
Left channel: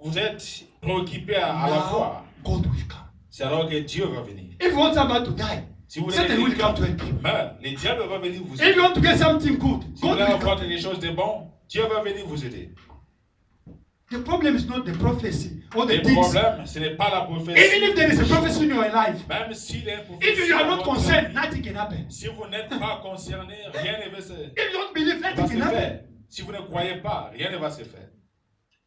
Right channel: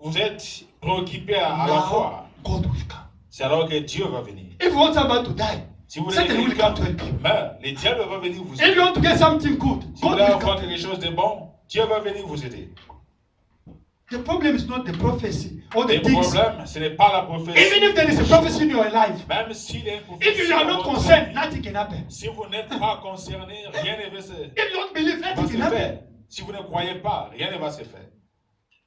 vous êtes préoccupé à la fois. God will come. C'est alors que Dieu va venir. If you want somebody to die, Si vous voulez Satan will que come to help you. meurt, les diables vont venir vous If you aider. want to get something good, Si vous God voulez will avoir come. quelque chose de bon, Dieu va venir vous aider. The problem is not the prophecy or the Le things. problème, ce n'est pas la prophétie. Even if there is a prophecy in your life, Même s'il y a une prophétie, if you are not dans votre concerned, vie, nothing can happen. si vous n'êtes pas concerné, rien ne va se, If you don't believe, va nothing se can happen. faire. Si vous ne croyez pas, rien ne va se faire.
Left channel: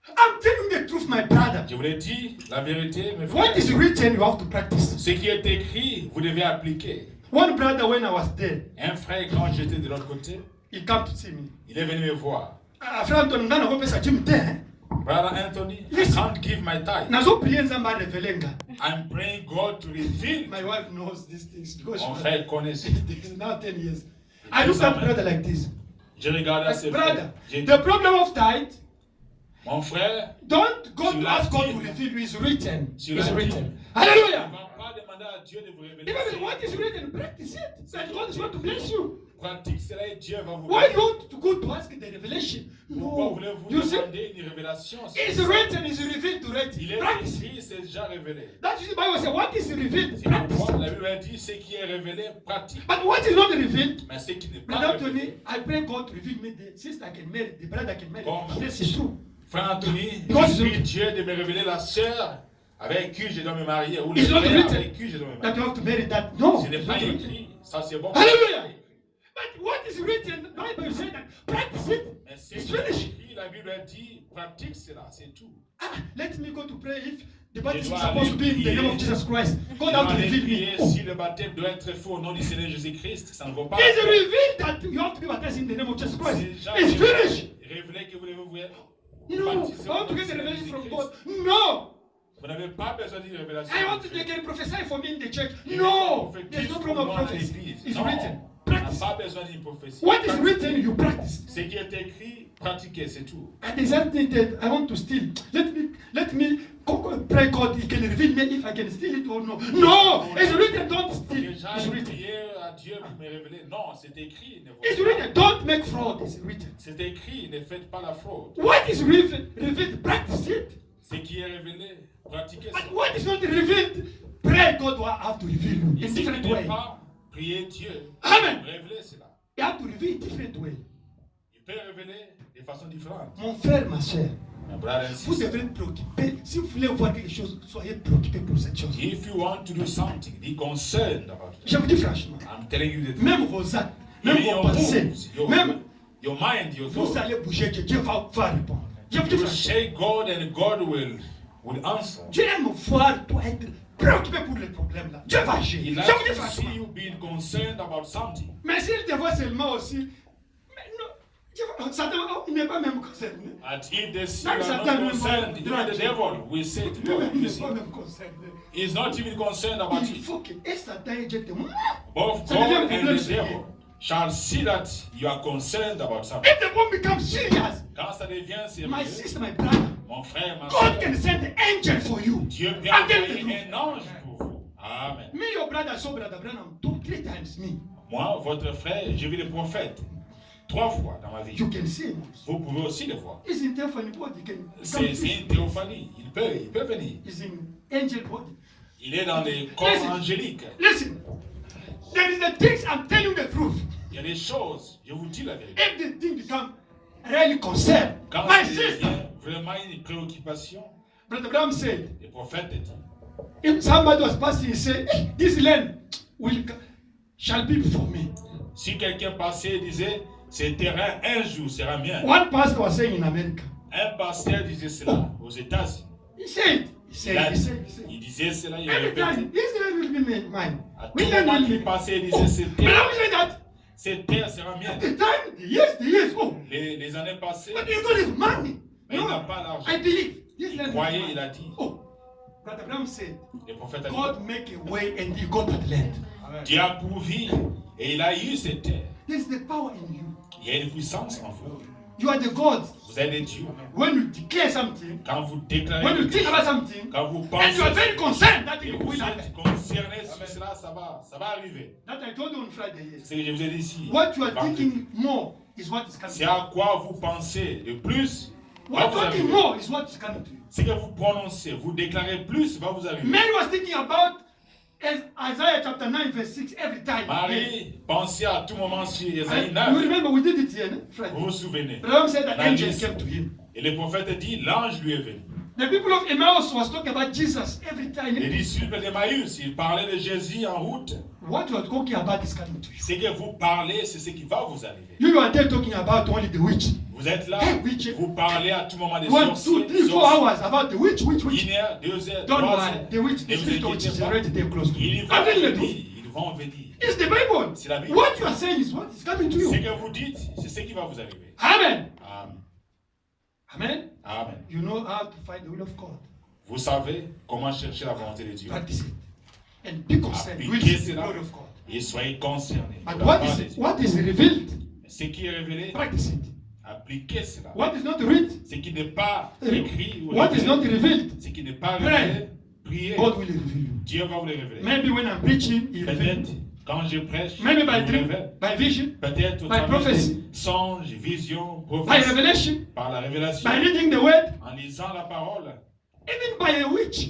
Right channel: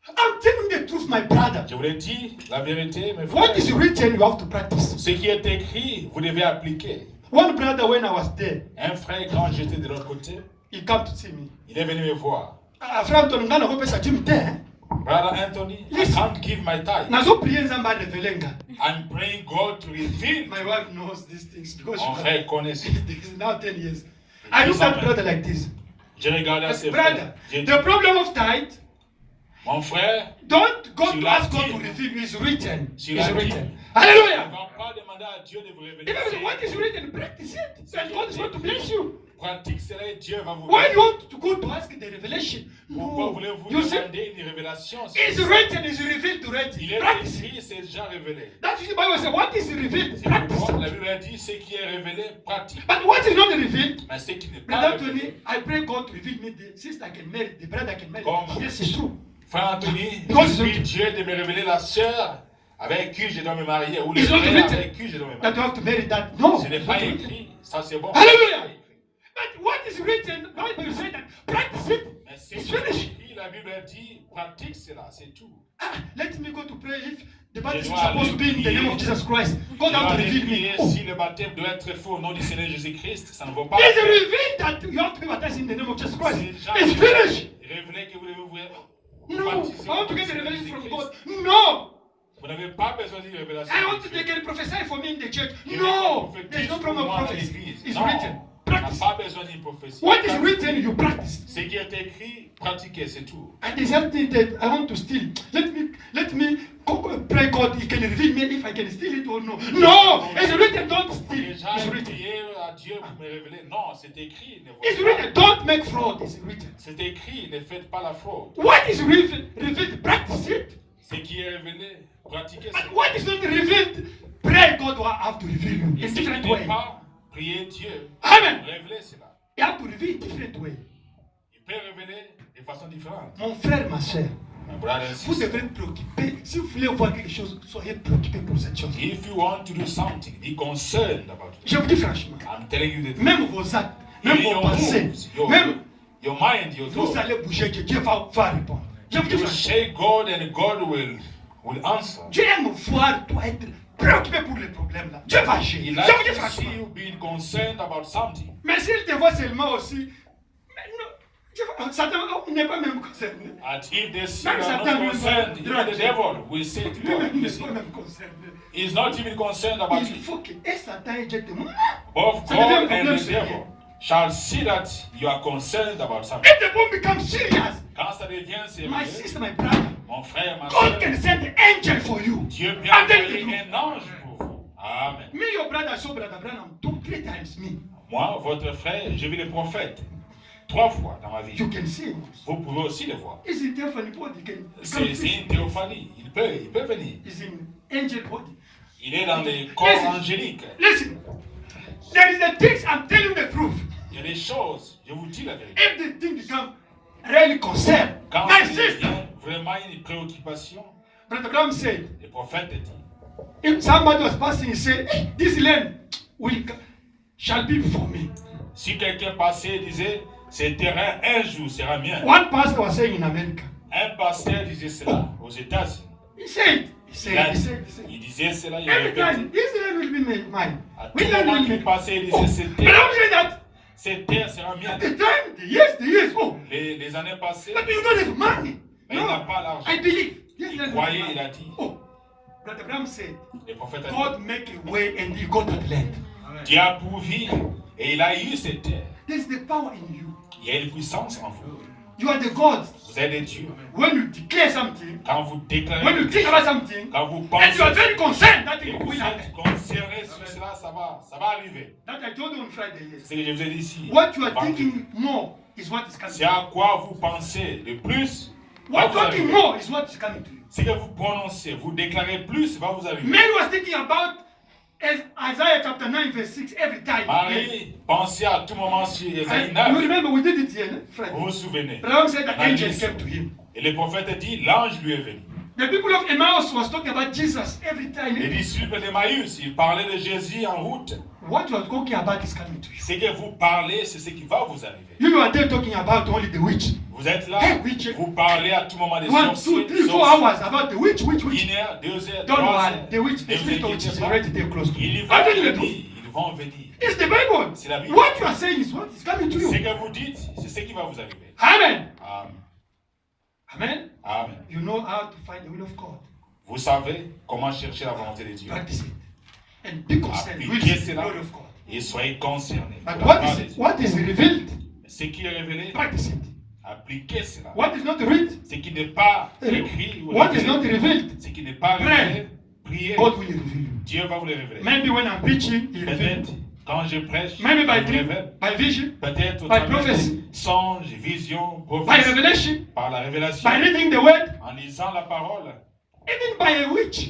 I'm telling you the truth, my brother. Je vous l'ai dit, la vérité, mes What frères. is written, you have to practice. Ce qui est écrit, vous devez appliquer. One brother, when I was there, Un frère, quand j'étais de l'autre côté, he came to see me. il est venu me voir. Frère Anton, ngana ko pesa Jim there. Brother Anthony, I Listen. can't give my tithe. Nazo prier nzamba revelenga. I'm praying God to reveal. My wife knows these things because Mon she frère connaît ça. is now 10 years. I look at brother like this. Je regardais à ses Brother, frères. J'ai dit, the problem of tithe, mon frère, don't go Sur to la ask God dîme. to reveal you. It's written. Sur It's la written. dîme. ne Hallelujah. va pas demander à Dieu de vous révéler. Even what is written, practice it. And God is going to bless you. Pratique cela et Dieu va vous Why bénir. you want to go to ask the revelation? Pourquoi No. voulez-vous You see, demander une révélation? it's written, it's revealed Il already. est Practice it. écrit, c'est déjà révélé. That's what the Bible says. What is revealed? C'est Practice pourquoi it. la Bible a dit ce qui est révélé, pratique. But what is not revealed? Mais ce qui n'est pas Brother révélé. Tony, I pray God to reveal me the sister I can marry, the brother I can marry. Comme- Yes, it's true. Frère Anthony, Because je it's prie Dieu de me révéler la sœur avec qui je dois me marier ou le It's not frère written avec qui je dois me that marier. you have to marry that. No. Ce n'est it's pas not written. écrit, ça c'est bon. Hallelujah. But what is written, the Bible says that practice it. Mais ce It's qui est finished. écrit, la Bible a dit, pratique cela, c'est tout. Ah, let me go to pray if the Je baptism is dois supposed to be in the aller name of prier. Jesus Christ. God Je has dois to aller reveal prier me. Oh. si le baptême doit être fait au nom du Seigneur Jésus-Christ, ça ne vaut pas. It's revealed that you have to be baptized in the name of Jesus Christ. C'est déjà It's finished. révélé que vous devez vous No, baptiser I au want nom to du get the Seigneur revelation from Jésus-Christ. God. No, Vous n'avez pas besoin d'une révélation. I want to take a prophesy for me in the church. Il No, faut there's no problem of prophétiser prophecy. pour moi à l'église. It's Non, written. on n'a Practice. pas besoin d'une prophétie. What is written, you practice. Ce qui est écrit, pratiquez, c'est tout. And there's something that I want to steal. Let me pray God, He can reveal me if I can steal it or no. No, it's written, don't steal. Déjà, It's written. priez à Dieu pour me révéler. Non, c'est écrit. Ne It's volez written, pas. don't make fraud. It's written. C'est écrit, ne faites pas la fraude. What is revealed, practice it. Ce qui est révélé, pratiquez. And what is not revealed, pray God will have to reveal you Et in ce qui different n'est way. pas, priez Dieu. Amen. Révélez cela. You have to reveal different way. Il peut révéler de façon différente. Mon frère, ma soeur, My brother and Vous sister, devez être préoccupé. Si vous voulez voir quelque chose, soyez préoccupé pour cette chose. if you want to do something, be concerned about it. Je vous dis franchement, I'm telling you the truth. même vos actes, même Even vos your pensées, moves, même your mind, your vous thoughts. allez bouger, Dieu va répondre. Je vous dis You franchement, say God and God will answer. Dieu aime voir toi être préoccupé pour les problèmes là. Dieu va agir. He Je vous likes dis to see franchement. you being concerned about something. Mais s'il te voit seulement aussi, mais non, Satan n'est pas même concerné. And if they see you Même are Satan not lui concerned, va even the devil will say to God, Lui-même n'est listen, pas même concerné. he's not even concerned about Il it. faut que et Satan et Dieu témoignent. Both Ça devient un God and problème the sérieux. devil shall see that you are concerned about something. If the bomb becomes serious, Quand ça devient my sérieux, sister, my brother, mon frère, ma God soeur, can send an angel for you. Dieu peut And then envoyer you un ange pour vous. Amen. Me, your brother, saw brother Branham 2-3 times. Me, Moi, votre frère, j'ai vu les prophètes 3 fois dans ma vie. you can see him. Vous pouvez aussi les voir. He's in theophany body. C'est une théophanie. Il peut venir. He's in angel body. Il est dans les corps Listen. angéliques. Listen, there is the things I'm telling you the truth. Il y a des choses, je vous dis la vérité. If the thing become really concern, Quand my il sister, devient vraiment une préoccupation, brother Branham said, le prophète dit, if somebody was passing, he said, hey, this land shall be before me. si quelqu'un passait et disait, ce terrain un jour sera mien. One pastor was saying in America. Un pasteur disait cela aux États-Unis. He said, Il disait cela, il every répétait. time, this land will be mine. À tout We land moment will qu'il be passait, il disait, Branham said that. cette terre sera mienne. The time, the years, oh, Les années passées, but you don't have money. mais il n'a No, pas l'argent. I believe. Yes, Il land will be croyait, mine. il a dit. Oh, Brother Branham said, Le prophète a dit, God make a way and you got that land. Dieu a pourvu et il a eu cette terre. There's the power in you. Il y a une puissance en vous. You are the God. Vous êtes des dieux. When you declare something, Quand vous when déclarez, you think about something, quand vous and pensez, you are very concerned that et it vous will êtes happen. concerné sur cela, ça va arriver. That I told you on Friday. Yes. C'est ce que je vous ai dit ici. What you are Vendredi. thinking more is what is coming. C'est à quoi vous pensez le plus. What va vous talking arriver. more is what is coming to you. Ce que vous prononcez, vous déclarez plus, va vous arriver. Mary was thinking about Isaiah chapter 9 verse 6 every time. Marie, pensez à tout moment sur Ésaïe You 9. remember we did it here, Friday. Vous vous souvenez. Abraham said the angel Marie, came to him. et le prophète dit, l'ange lui est venu. The people of Emmaus was talking about Jesus every time. Les disciples d'Emmaüs, ils parlaient de Jésus en route. What you are talking about is coming to you. Ce que vous parlez, c'est ce qui va vous arriver. You are there talking about only the witch. Vous êtes là, Hey, witch. vous parlez à tout moment des 1, 2, sorciers, 3, 4 hours about the witch. 1 heure, 2 heures, 3 Don't worry, heures. the witch, the Ne vous spirit of inquiétez witch is pas. already there close to you. Ils I'm vont telling you the venir, truth. ils vont venir. It's the Bible. C'est la Bible. What you are saying is what is coming to Ce you. que vous dites, c'est ce qui va vous arriver. Amen. Amen. Amen. Amen. You know how to find the will of God. Vous savez comment chercher la volonté de Dieu. Practice it. And be concerned. You will Appliquez see the cela glory of God. et soyez concernés. But de la what part de is, Dieu. what is revealed, Ce qui est révélé, practice it. appliquez cela. What is not read, Ce qui n'est pas écrit ou what is not révélé, revealed, ce qui n'est pas Pray. révélé, priez. God will reveal you. Dieu va vous le révéler. Maybe when I'm preaching, He reveals. Peut-être quand je prêche, Maybe by il me dream, révèle. by vision, Peut-être au by travers prophecy. de songes, visions, by prophéties, revelation, par la révélation, by reading the word, en lisant la parole, even by a witch.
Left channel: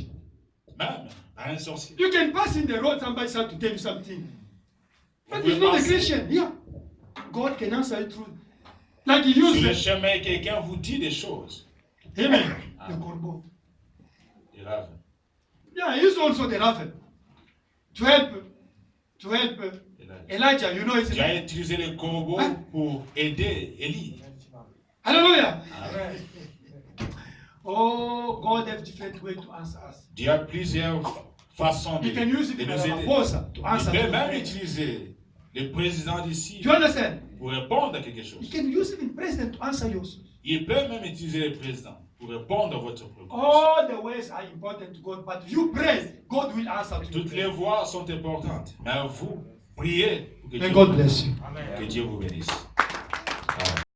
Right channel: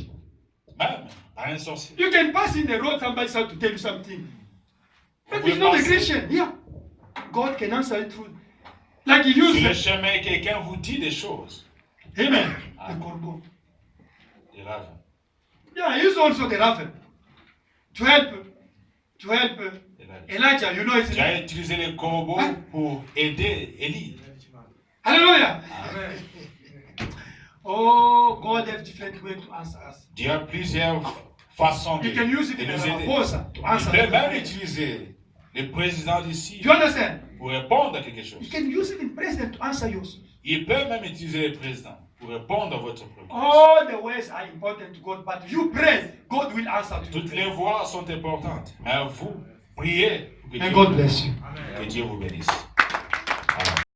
même à un sorcier. You can pass in the road, somebody start to tell you something. But pouvez it's not a passer. Christian. Yeah. God can answer it through. Like He Sur le used. chemin, quelqu'un vous dit des choses. Amen. The corbeau. Il rêve. Yeah, he used also the raven to help Il rêve. Elijah. You know, it's Tu as utilisé les corbeaux pour aider Élie. Hallelujah. Oh, God has different way to answer us. Dieu a plusieurs façons de, You can use it de in a nous aider. Ramaphosa to Il answer. peut même Do utiliser le président d'ici you understand? pour répondre à quelque chose. You can use it in president to answer yours. Il peut même utiliser le président pour répondre à votre préoccupation. All the ways are important to God, but you pray, God will answer to you. Toutes les voix sont importantes, mais vous priez pour que May Dieu, God bless you. que Dieu vous bénisse.